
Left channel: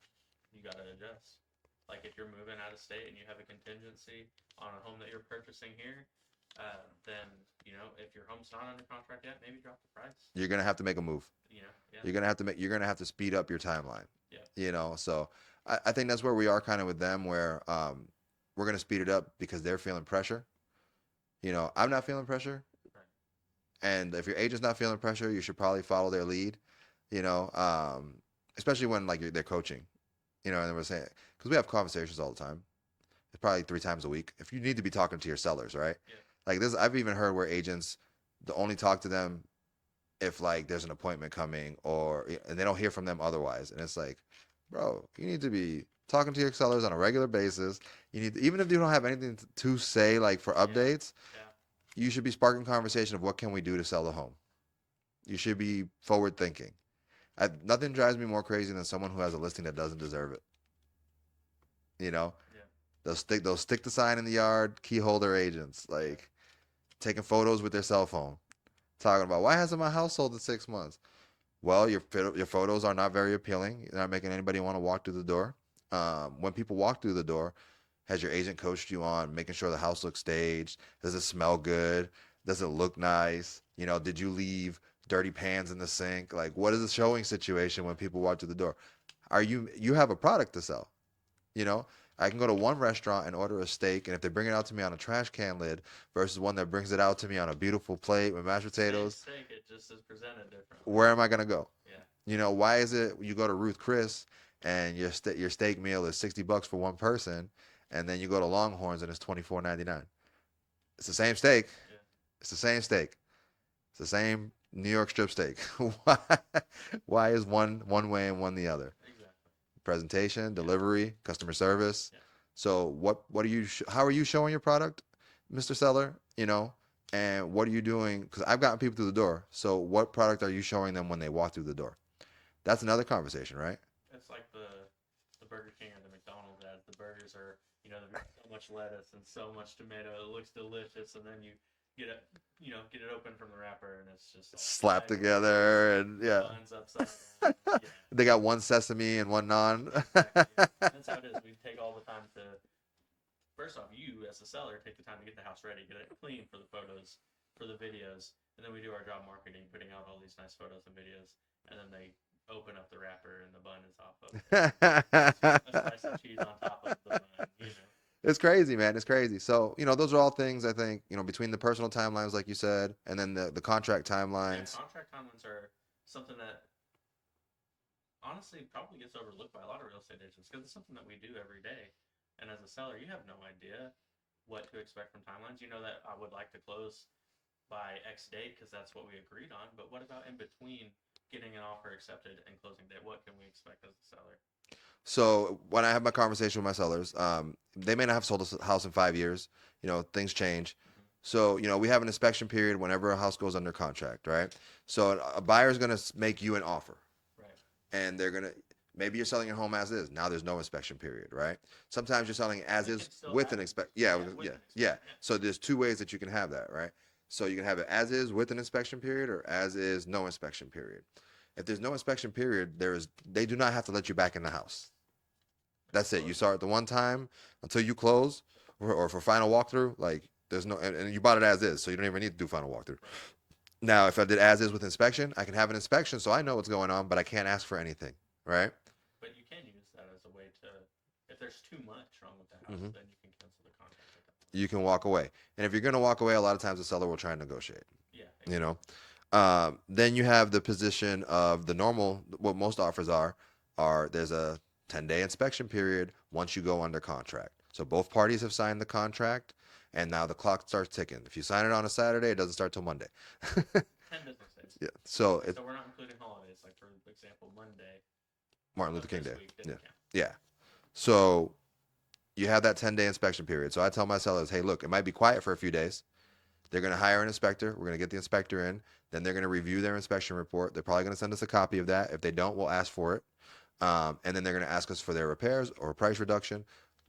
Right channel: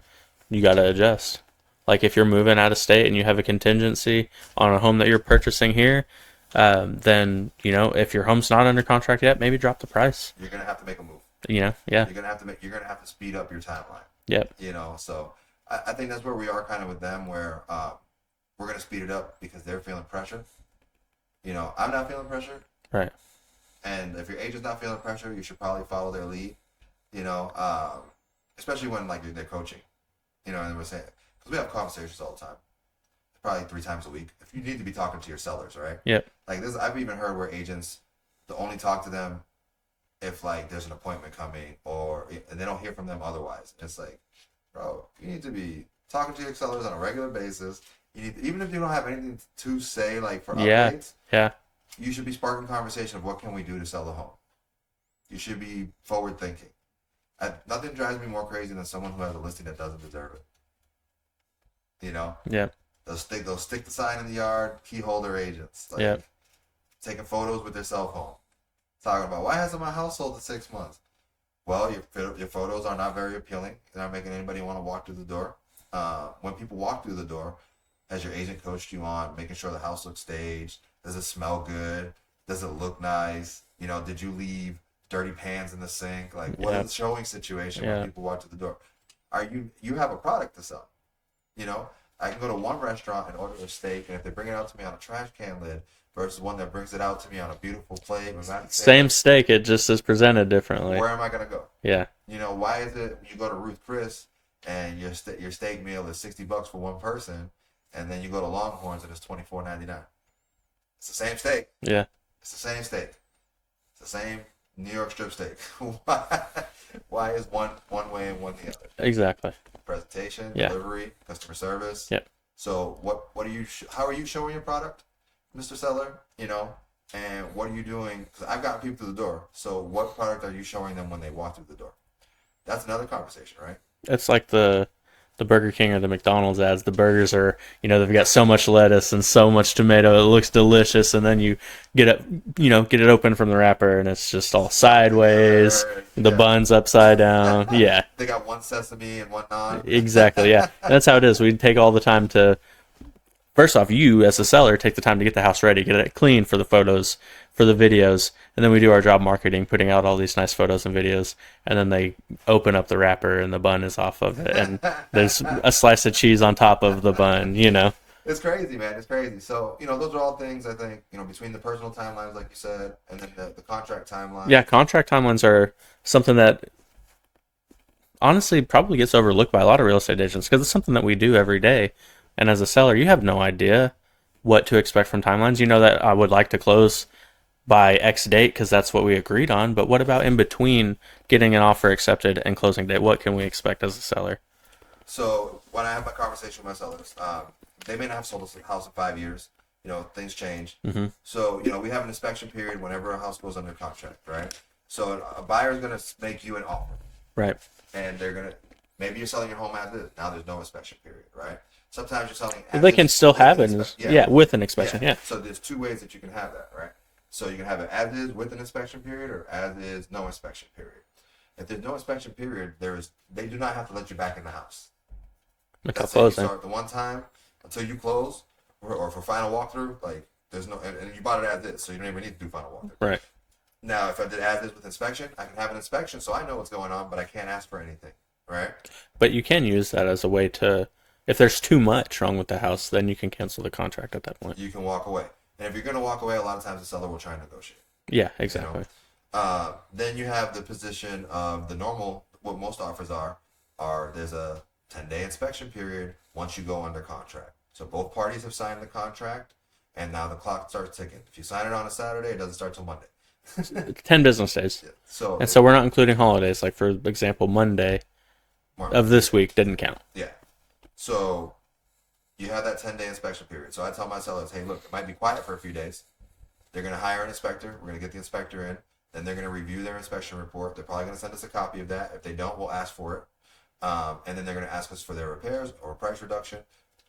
you got to adjust. Like if you're moving out of state and you have a contingency on a home that you're purchasing here, then if your home's not under contract yet, maybe drop the price. You're gonna have to make a move. Yeah, You're gonna have to speed up your timeline. yep, So I think that's where we are kind of with them, where we're gonna speed it up because they're feeling pressure. I'm not feeling pressure, right, and if your agent's not feeling pressure, you should probably follow their lead. Especially when like they're coaching. And we're saying because we have conversations all the time. It's probably 3 times a week. If you need to be talking to your sellers, right? yep, Like this, I've even heard where agents only talk to them if like there's an appointment coming or they don't hear from them otherwise. And it's like, bro, you need to be talking to your sellers on a regular basis. Even if you don't have anything to say like for updates, yeah, you should be sparking conversation of what can we do to sell the home. You should be forward thinking. Nothing drives me more crazy than someone who has a listing that doesn't deserve it. yeah, They'll stick the sign in the yard, key holder agents, like yeah, taking photos with their cell phone, talking about why hasn't my house sold in 6 months? Well, your photos are not very appealing. You're not making anybody want to walk through the door. When people walk through the door, has your agent coached you on making sure the house looks staged? Does it smell good? Does it look nice? Did you leave dirty pans in the sink? Like, what is the showing situation when people walk through the door? You have a product to sell? I can go to one restaurant and order a steak, and if they bring it out to me on a trash can lid versus one that brings it out to me on a beautiful plate with mashed potatoes, same steak, it just is presented differently. where am I gonna go? Yeah, Why is it you go to Ruth Chris and your steak meal is $60 for one person, and then you go to Longhorns and it's $24.99? It's the same steak. yeah, It's the same steak. It's the same New York strip steak. Why is one way and one the other? exactly. Presentation, Yeah. delivery, customer service. Yep. So what are you? How are you showing your product, Mr. Seller? And what are you doing? Because I've gotten people through the door. So what product are you showing them when they walk through the door? That's another conversation, right? It's like the Burger King or the McDonald's ads. The burgers are, they've got so much lettuce and so much tomato. It looks delicious, and then you get it open from the wrapper, and it's just all sideways. The bun's upside down. Yeah, They got one sesame and one non. exactly. Yeah, that's how it is. We take all the time to. First off, you as a seller take the time to get the house ready, get it clean for the photos, for the videos, and then we do our job marketing, putting out all these nice photos and videos, and then they open up the wrapper and the bun is off of it, and there's a slice of cheese on top of the bun. It's crazy, man. It's crazy. So, those are all things I think, between the personal timelines, like you said, and then the contract timelines. Yeah, contract timelines are something that honestly probably gets overlooked by a lot of real estate agents because it's something that we do every day. And as a seller, you have no idea what to expect from timelines. You know that I would like to close by X date because that's what we agreed on. But what about in between getting an offer accepted and closing date? What can we expect as a seller? So when I have my conversation with my sellers, they may not have sold a house in 5 years. Things change. Mm-hmm. So, we have an inspection period whenever a house goes under contract, right? So a buyer is going to make you an offer. Right. And they're going to, maybe you're selling your home as is. Now there's no inspection period, right? Sometimes you're selling as They is can still with have an it. Yeah, with an inspection. Yeah. So there's 2 ways that you can have that, right? So you can have it as is with an inspection period or as is no inspection period. If there's no inspection period, they do not have to let you back in the house. That's it. You start the one time until you close or for final walkthrough. Like there's no, and you bought it as is, so you don't even need to do final walkthrough. Right. Now, if I did as is with inspection, I can have an inspection, so I know what's going on, but I can't ask for anything, right? But you can use that as a way to, if there's too much wrong with the house, then you can cancel the contract at that point. You can walk away, and if you're going to walk away, a lot of times the seller will try and negotiate. Yeah, exactly. Then you have the position of the normal. What most offers are there's a 10-day inspection period once you go under contract. So both parties have signed the contract, and now the clock starts ticking. If you sign it on a Saturday, it doesn't start till Monday. 10 business days. Yeah. So And so we're not including holidays. Like, for example, Monday Martin of Luther this King. week didn't count. Yeah. So you have that 10-day inspection period. So I tell my sellers, hey, look, it might be quiet for a few days. They're going to hire an inspector. We're going to get the inspector in. Then they're going to review their inspection report. They're probably going to send us a copy of that. If they don't, we'll ask for it. And then they're going to ask us for their repairs or a price reduction.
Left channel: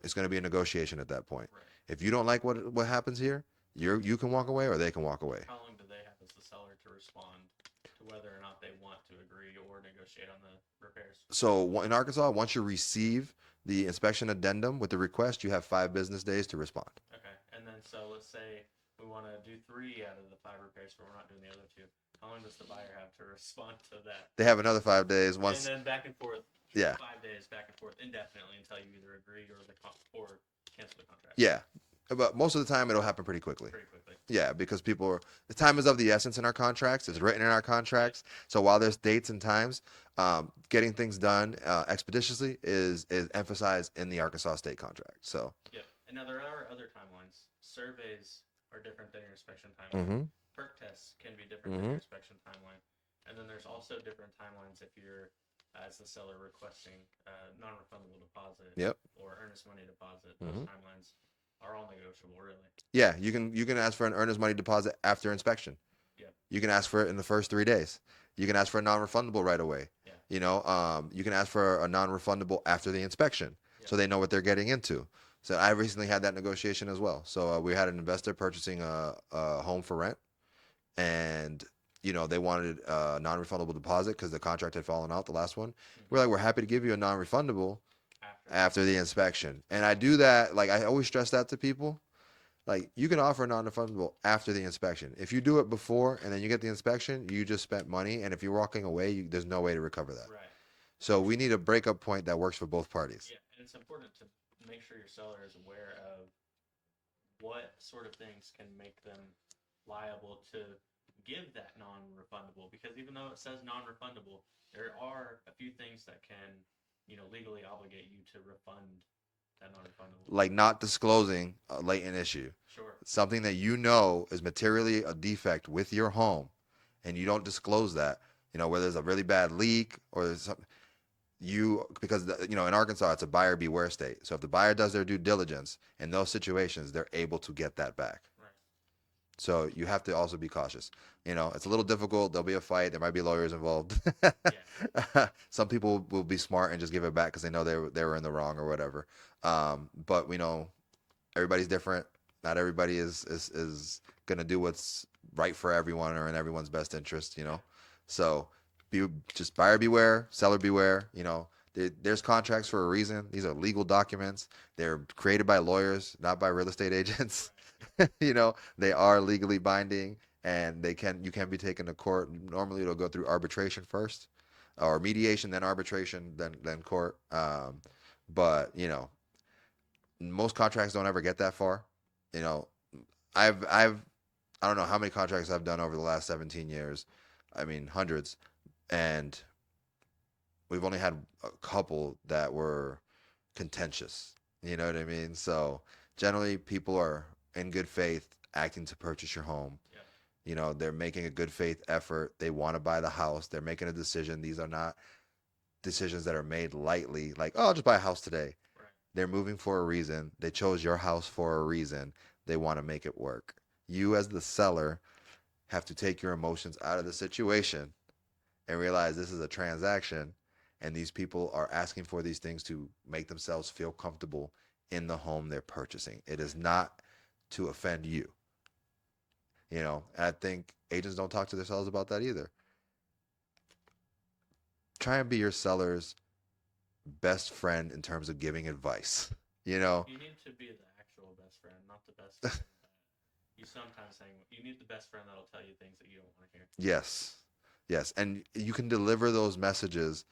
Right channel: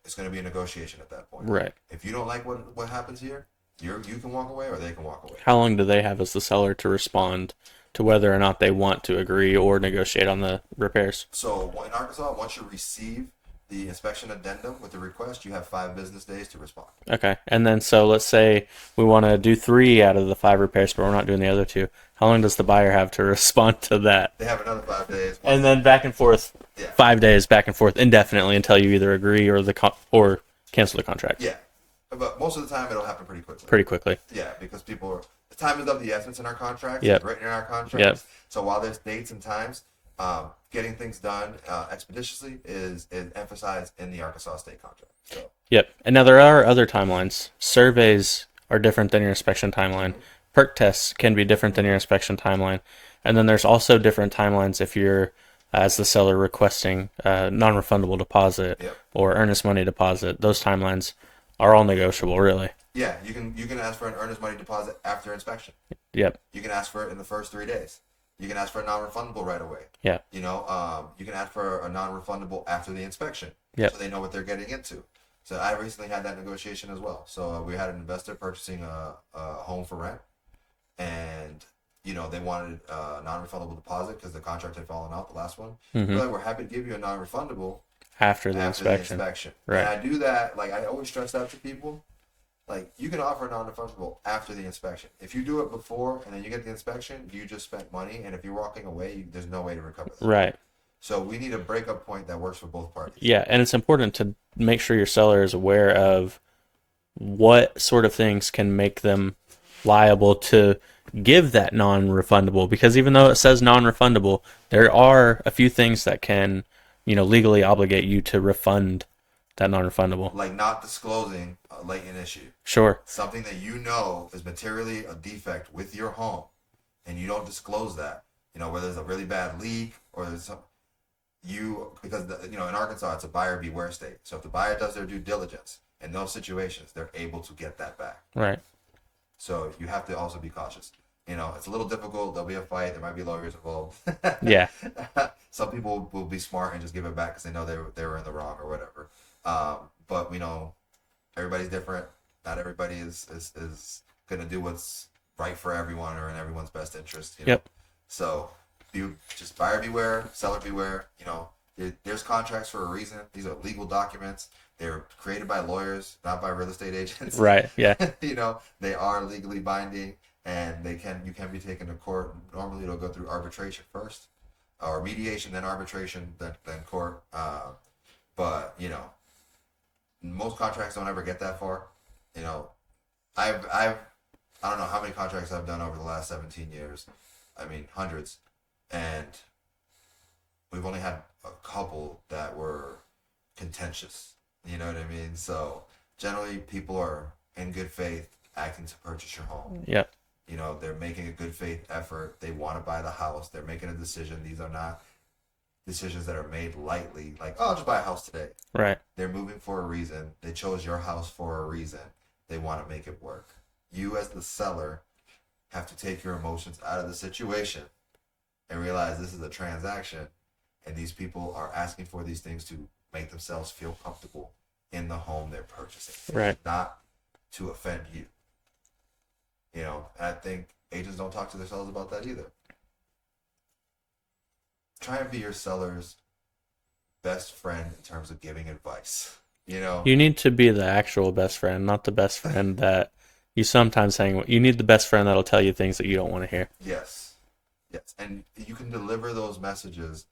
It's going to be a negotiation at that point. Right. If you don't like what happens here, you can walk away or they can walk away. How long do they have as the seller to respond to whether or not they want to agree or negotiate on the repairs? So in Arkansas, once you receive the inspection addendum with the request, you have 5 business days to respond. Okay. And then, so let's say we want to do 3 out of the 5 repairs, but we're not doing the other 2. How long does the buyer have to respond to that? They have another 5 days. And then back and forth, Yeah. 5 days back and forth indefinitely until you either agree or or cancel the contract. Yeah. But most of the time, it'll happen pretty quickly. Pretty quickly. Yeah, because the time is of the essence in our contracts. Yep. It's written in our contracts. Yep. So while there's dates and times, getting things done expeditiously is emphasized in the Arkansas state contract. So. Yep. And now there are other timelines. Surveys are different than your inspection timeline. Mm-hmm. Perk tests can be different than your inspection timeline. And then there's also different timelines if you're, as the seller, requesting non-refundable deposit Yep. or earnest money deposit. Those timelines are all negotiable, really. Yeah, you can ask for an earnest money deposit after inspection. Yep. You can ask for it in the first 3 days. You can ask for a non-refundable right away. Yeah. You know, you can ask for a non-refundable after the inspection, Yep. so they know what they're getting into. So I recently had that negotiation as well. So we had an investor purchasing a home for rent, and they wanted a non-refundable deposit because the contract had fallen out, the last one. Mhm. We're like, we're happy to give you a non-refundable After the after inspection. the inspection. Right. And I do that, like I always stress that to people. Like, you can offer a non-refundable after the inspection. If you do it before and then you get the inspection, you just spent money. And if you're walking away, there's no way to recover that. Right. So we need a breakup point that works for both parties. Yeah, and it's important to make sure your seller is aware of what sort of things can make them liable to give that non-refundable, because even though it says non-refundable, there are a few things that can, legally obligate you to refund that non-refundable. Like not disclosing a latent issue. Sure. Something that is materially a defect with your home, and you don't disclose that. Where there's a really bad leak or there's something. Because in Arkansas, it's a buyer beware state. So if the buyer does their due diligence in those situations, they're able to get that back. Right. So you have to also be cautious. It's a little difficult. There'll be a fight. There might be lawyers involved. Yeah. Some people will be smart and just give it back because they know they were in the wrong or whatever. But we know everybody's different. Not everybody is gonna do what's right for everyone or in everyone's best interest. Yep. So just buyer beware, seller beware. There's contracts for a reason. These are legal documents. They're created by lawyers, not by real estate agents. Right. Yeah. They are legally binding, and you can be taken to court. Normally, it'll go through arbitration first, or mediation, then arbitration, then court. But most contracts don't ever get that far. I don't know how many contracts I've done over the last 17 years. I mean, hundreds. And we've only had a couple that were contentious. You know what I mean? So generally, people are in good faith acting to purchase your home. Yep. They're making a good faith effort. They want to buy the house. They're making a decision. These are not decisions that are made lightly. Like, oh, I'll just buy a house today. Right. They're moving for a reason. They chose your house for a reason. They want to make it work. You, as the seller, have to take your emotions out of the situation and realize this is a transaction, and these people are asking for these things to make themselves feel comfortable in the home they're purchasing. It Right. is not to offend you. I think agents don't talk to their sellers about that either. Try and be your seller's best friend in terms of giving advice. You need to be the actual best friend, not the best friend that you sometimes hang with. You need the best friend that'll tell you things that you don't want to hear. Yes. And you can deliver those messages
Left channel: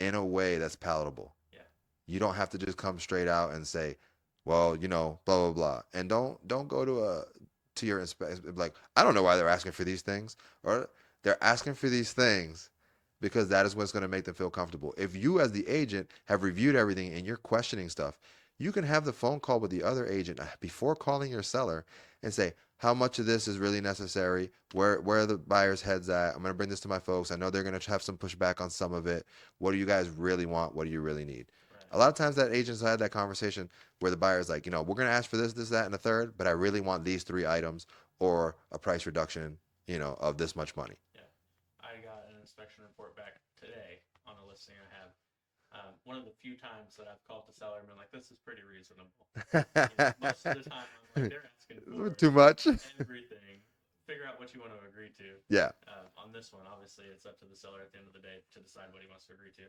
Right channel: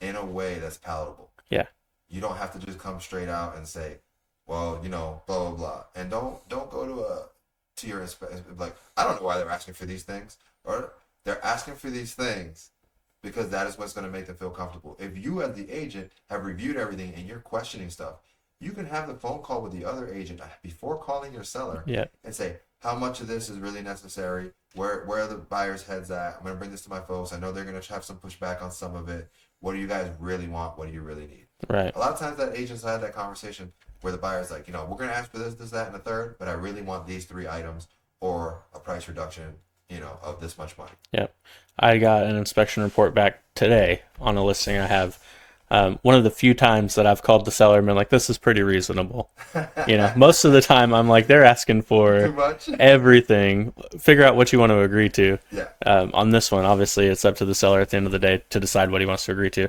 in a way that's palatable. Yeah. You don't have to just come straight out and say, well, blah, blah, blah. And don't go to your inspection like, I don't know why they're asking for these things, or they're asking for these things because that is what's going to make them feel comfortable. If you, as the agent, have reviewed everything and you're questioning stuff, you can have the phone call with the other agent before calling your seller Yeah. and say, how much of this is really necessary? Where are the buyer's heads at? I'm going to bring this to my folks. I know they're going to have some pushback on some of it. What do you guys really want? What do you really need? Right. A lot of times that agents had that conversation where the buyer's like, we're going to ask for this, this, that, and the third, but I really want these 3 items or a price reduction, of this much money. Yep. I got an inspection report back today on a listing I have. One of the few times that I've called the seller and been like, this is pretty reasonable. Most of the time I'm like, they're asking for Too much? everything. Figure out what you want to agree to. Yeah. On this one, obviously, it's up to the seller at the end of the day to decide what he wants to agree to.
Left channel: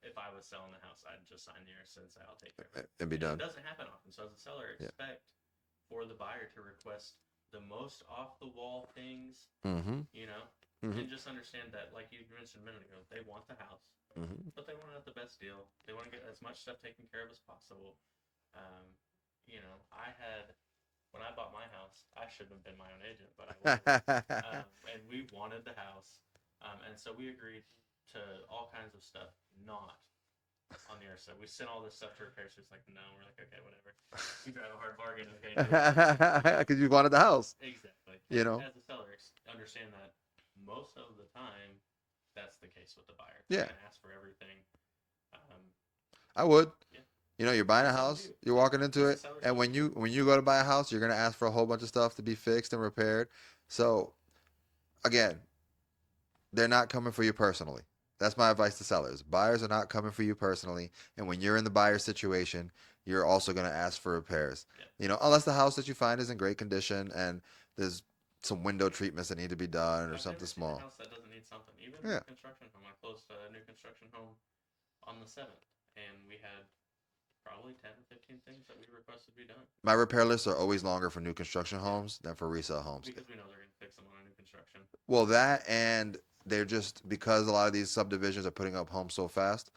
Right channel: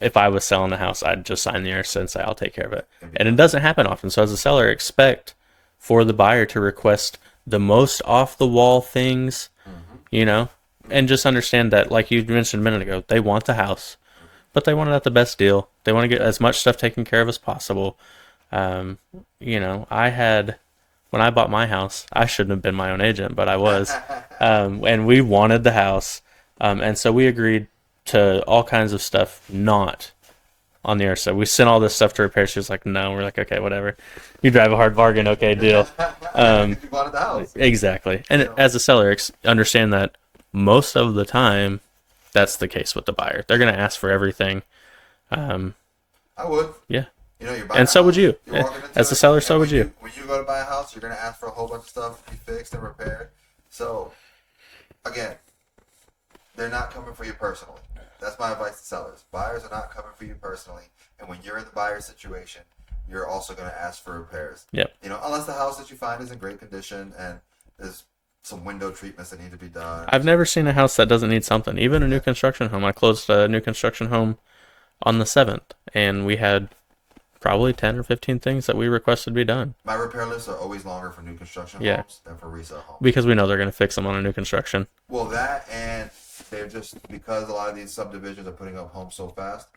If I was selling the house, I'd just sign the ERC and say, I'll take care of it. And it doesn't happen often. So as a seller, expect for the buyer to request the most off-the-wall things, and just understand that, like you mentioned a minute ago, they want the house, but they want it at the best deal. They want to get as much stuff taken care of as possible. When I bought my house, I shouldn't have been my own agent, but I was, and we wanted the house, and so we agreed to all kinds of stuff not on the ERC. We sent all this stuff to repair. She was like, no. We're like, okay, whatever. You drive a hard bargain, okay, deal. You wanted the house. Exactly. And as a seller, understand that most of the time, that's the case with the buyer. They're going to ask for everything. I would. Yeah. You're buying and so would you. You're walking into as a seller, so would you. When you go to buy a house, you're going to ask for a whole bunch of stuff to be fixed and repaired. So, again, they're not coming for you personally. That's my advice to sellers. Buyers are not coming for you personally. And when you're in the buyer situation, you're also going to ask for repairs. Yep. Unless the house that you find is in great condition and there's some window treatments that need to be done. I've never seen a house that doesn't need something. Even a new construction home. I closed a new construction home on the 7th, and we had probably 10 or 15 things that we requested be done. My repair lists are always longer for new construction homes than for resale homes. Because we know they're going to fix them on a new construction. Well, that, and they're just, because a lot of these subdivisions are putting up homes so fast,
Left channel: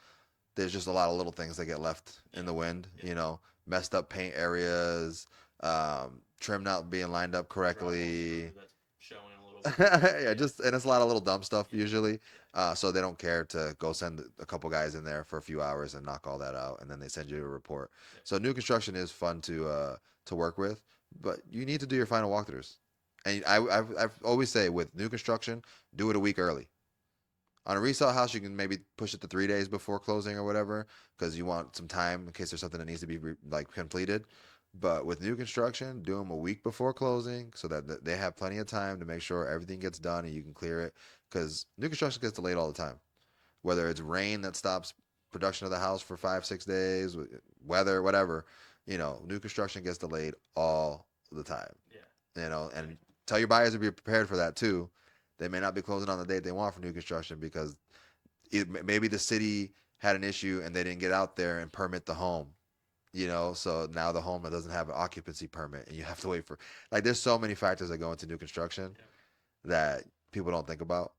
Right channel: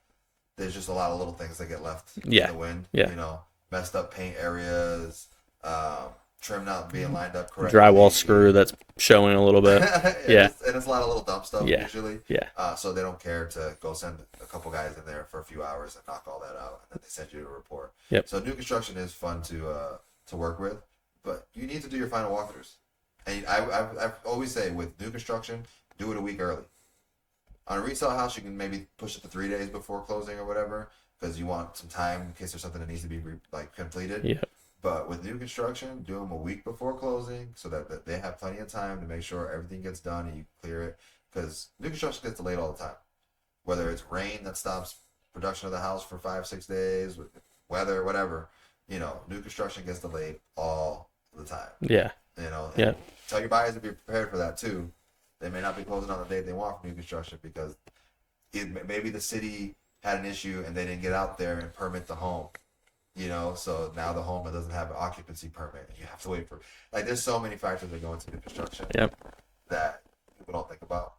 there's just a lot of little things that get left in the wind. Yeah. Messed up paint areas, trim not being lined up correctly. Drywall screw that's showing a little bit. And it's a lot of little dumb stuff usually. Yeah. So they don't care to go send a couple guys in there for a few hours and knock all that out, and then they send you a report. Yep. So new construction is fun to work with, but you need to do your final walkthroughs. And I always say with new construction, do it a week early. On a resale house, you can maybe push it to 3 days before closing or whatever, because you want some time in case there's something that needs to be completed. Yeah. But with new construction, do them a week before closing so that they have plenty of time to make sure everything gets done and you can clear it. Because new construction gets delayed all the time. Whether it's rain that stops production of the house for 5-6 days, weather, whatever, new construction gets delayed all the time. Yeah. And tell your buyers to be prepared for that too. They may not be closing on the date they want for new construction because maybe the city had an issue and they didn't get out there and permit the home. So now the home doesn't have an occupancy permit and you have to wait for, there's so many factors that go into new construction that people don't think about,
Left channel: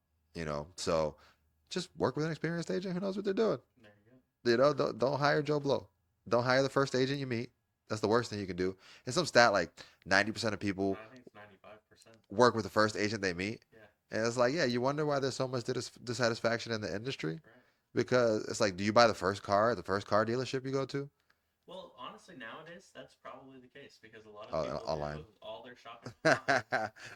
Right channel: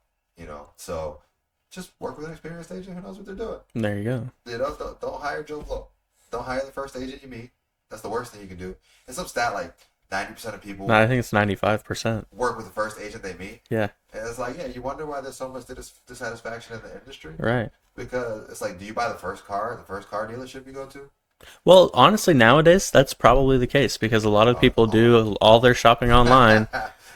so just work with an experienced agent who knows what they're doing. There you go. Don't hire Joe Blow. Don't hire the first agent you meet. That's the worst thing you can do. And some stat 90% of people. No, I think it's 95%. Work with the first agent they meet. Yeah. And it's you wonder why there's so much dissatisfaction in the industry. Right. Because it's do you buy the first car dealership you go to? Well, honestly, nowadays, that's probably the case because a lot of people do all their shopping online.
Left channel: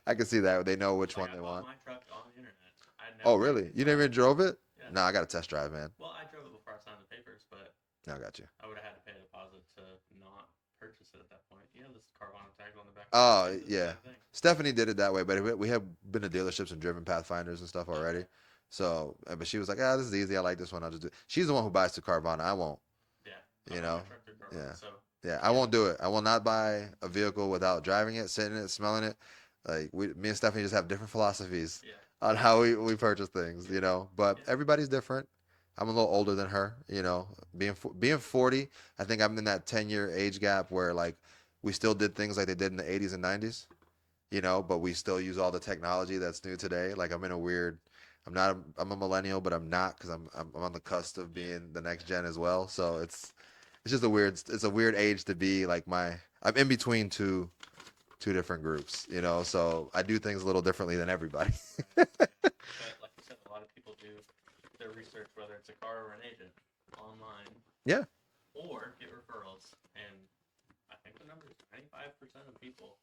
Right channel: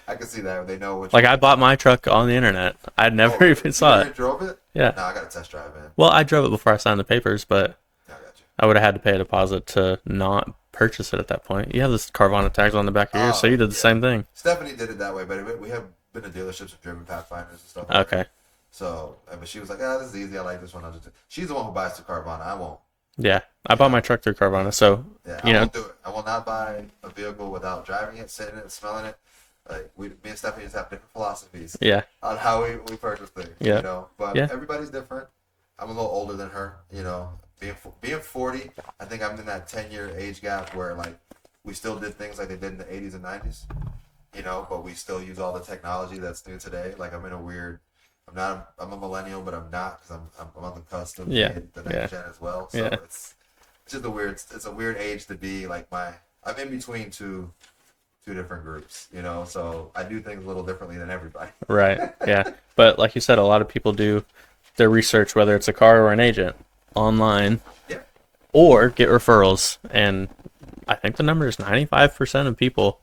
I can see that. They know which. I bought my truck on the internet. I'd never even saw it. You drove it? Yeah. No, I got a test drive, man. Well, I drove it before I signed the papers, but I got you. I would have had to pay a deposit to not purchase it at that point. You have this Carvana tags on the back of yours, so you did the same thing. Stephanie did it that way, but we have been to dealerships and driven Pathfinders and stuff already. Okay. So, but she was like, this is easy. I like this one. I'll just do it. She's the one who buys through Carvana. I won't. Yeah, I bought my truck through Carvana, so I won't do it. I will not buy a vehicle without driving it, sitting in it, smelling it. Me and Stephanie just have different philosophies. Yeah. On how we purchase things. Yeah. But everybody's different. I'm a little older than her. Being 40, I think I'm in that 10-year age gap where we still did things like they did in the 80s and 90s. But we still use all the technology that's new today. I'm in a weird. I'm a millennial, but I'm not because I'm on the cusp of being the next gen as well. So it's just it's a weird age to be I'm in between two different groups, so I do things a little differently than everybody. Right. Yeah. But like you said, a lot of people do their research, whether it's a car or an agent, online, Yeah. or get referrals. And I think the number is 95% of people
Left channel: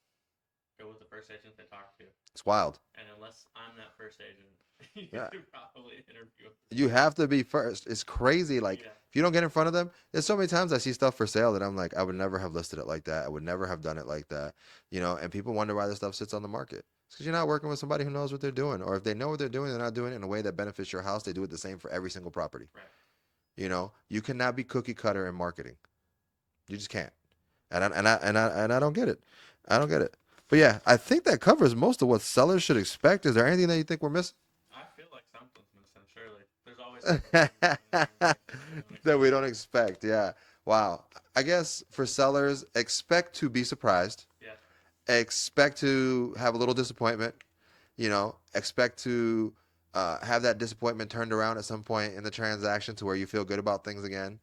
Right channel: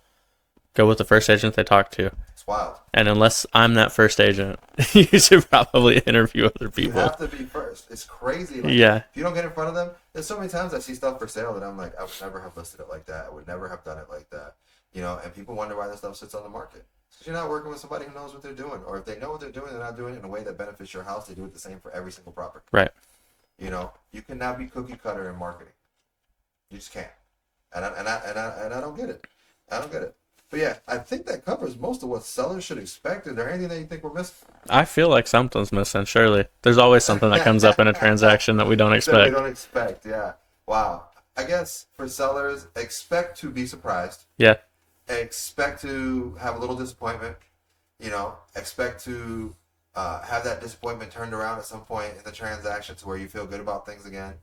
go with the first agent they talk to. It's wild. And unless I'm that first agent, you should probably interview other people. You have to be first. It's crazy. Like, Yeah. if you don't get in front of them, there's so many times I see stuff for sale that I'm like, I would never have listed it like that. I would never have done it like that. You know, and people wonder why this stuff sits on the market. It's because you're not working with somebody who knows what they're doing. Or if they know what they're doing, they're not doing it in a way that benefits your house. They do it the same for every single property. Right. You know, you cannot be cookie cutter in marketing. You just can't. And I don't get it. I don't get it. But yeah, I think that covers most of what sellers should expect. Is there anything that you think we're missing? I feel like something's missing, surely. There's always something that comes up in a transaction that we don't That we expect. don't expect, yeah. Wow. I guess for sellers, expect to be surprised. Yeah. Expect to have a little disappointment. You know, expect to have that disappointment turned around at some point in the transaction to where you feel good about things again.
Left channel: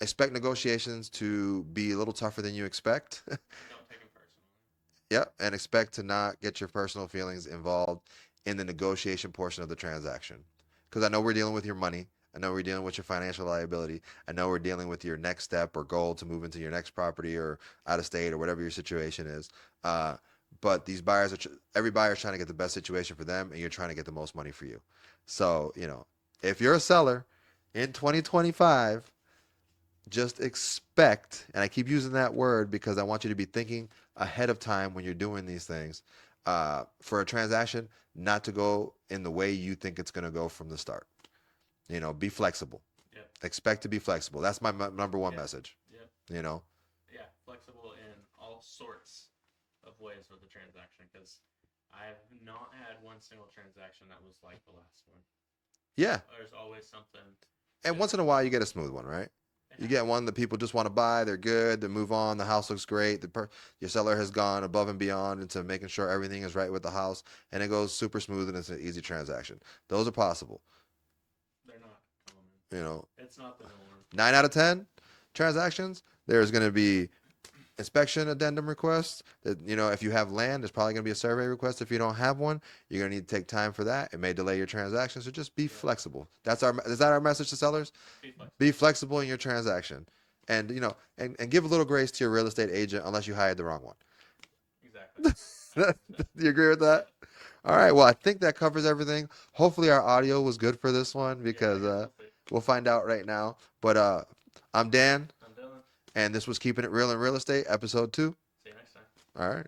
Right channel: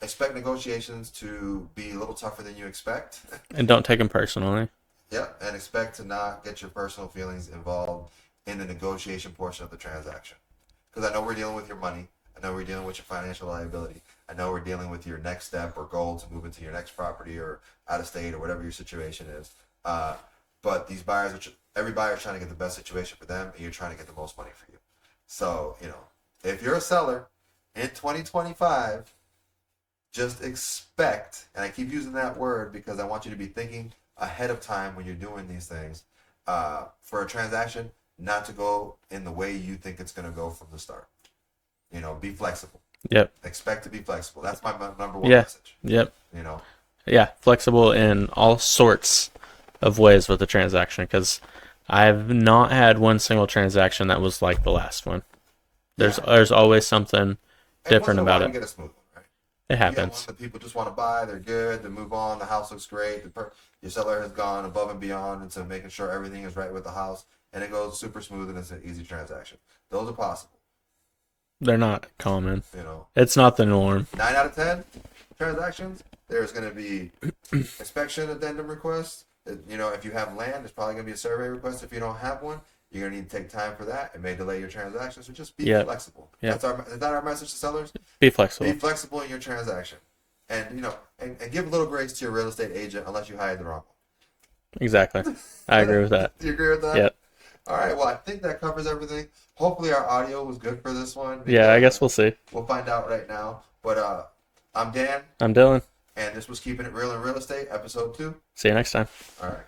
Expect negotiations to be a little tougher than you expect. And don't take them personally. Yep, and expect to not get your personal feelings involved in the negotiation portion of the transaction. Because I know we're dealing with your money. I know we're dealing with your financial liability. I know we're dealing with your next step or goal to move into your next property or out of state or whatever your situation is. But these buyers, every buyer is trying to get the best situation for them, and you're trying to get the most money for you. So, you know, if you're a seller in 2025, just expect, and I keep using that word because I want you to be thinking ahead of time when you're doing these things, for a transaction not to go in the way you think it's going to go from the start. You know, be flexible. Yep. Expect to be flexible. That's my number one Yeah. message. Yep. You know, Yeah. Flexible in all sorts of ways with the transaction, because I've not had one single transaction that was like the last one. There's always something and once different in a while about you it. get a smooth one, right? It You get happens. one that people just want to buy. They're good. They move on. The house looks great. Your seller has gone above and beyond into making sure everything is right with the house, and it goes super smooth and it's an easy transaction. Those are possible. They're not common. You know, It's not the norm. 9 out of 10 transactions, there's going to be inspection addendum requests. You know, if you have land, there's probably going to be a survey request. If you don't have one, you're going to need to take time for that. It may delay your transaction, so just be Yep. flexible. Yep. Is that our message to sellers? Be flexible. Be flexible in your transaction. And, you know, and give a little grace to your real estate agent unless you hired the wrong one. Exactly. I agree with that. Do you agree with that? Yep. All right. Well, I think that covers everything. Hopefully our audio was good for this one. Yeah, I because, guess we'll see. We'll find out right now. But I'm Dan, I'm Dylan. and this was Keeping It Real in Real Estate, episode 2. See you next time. All right.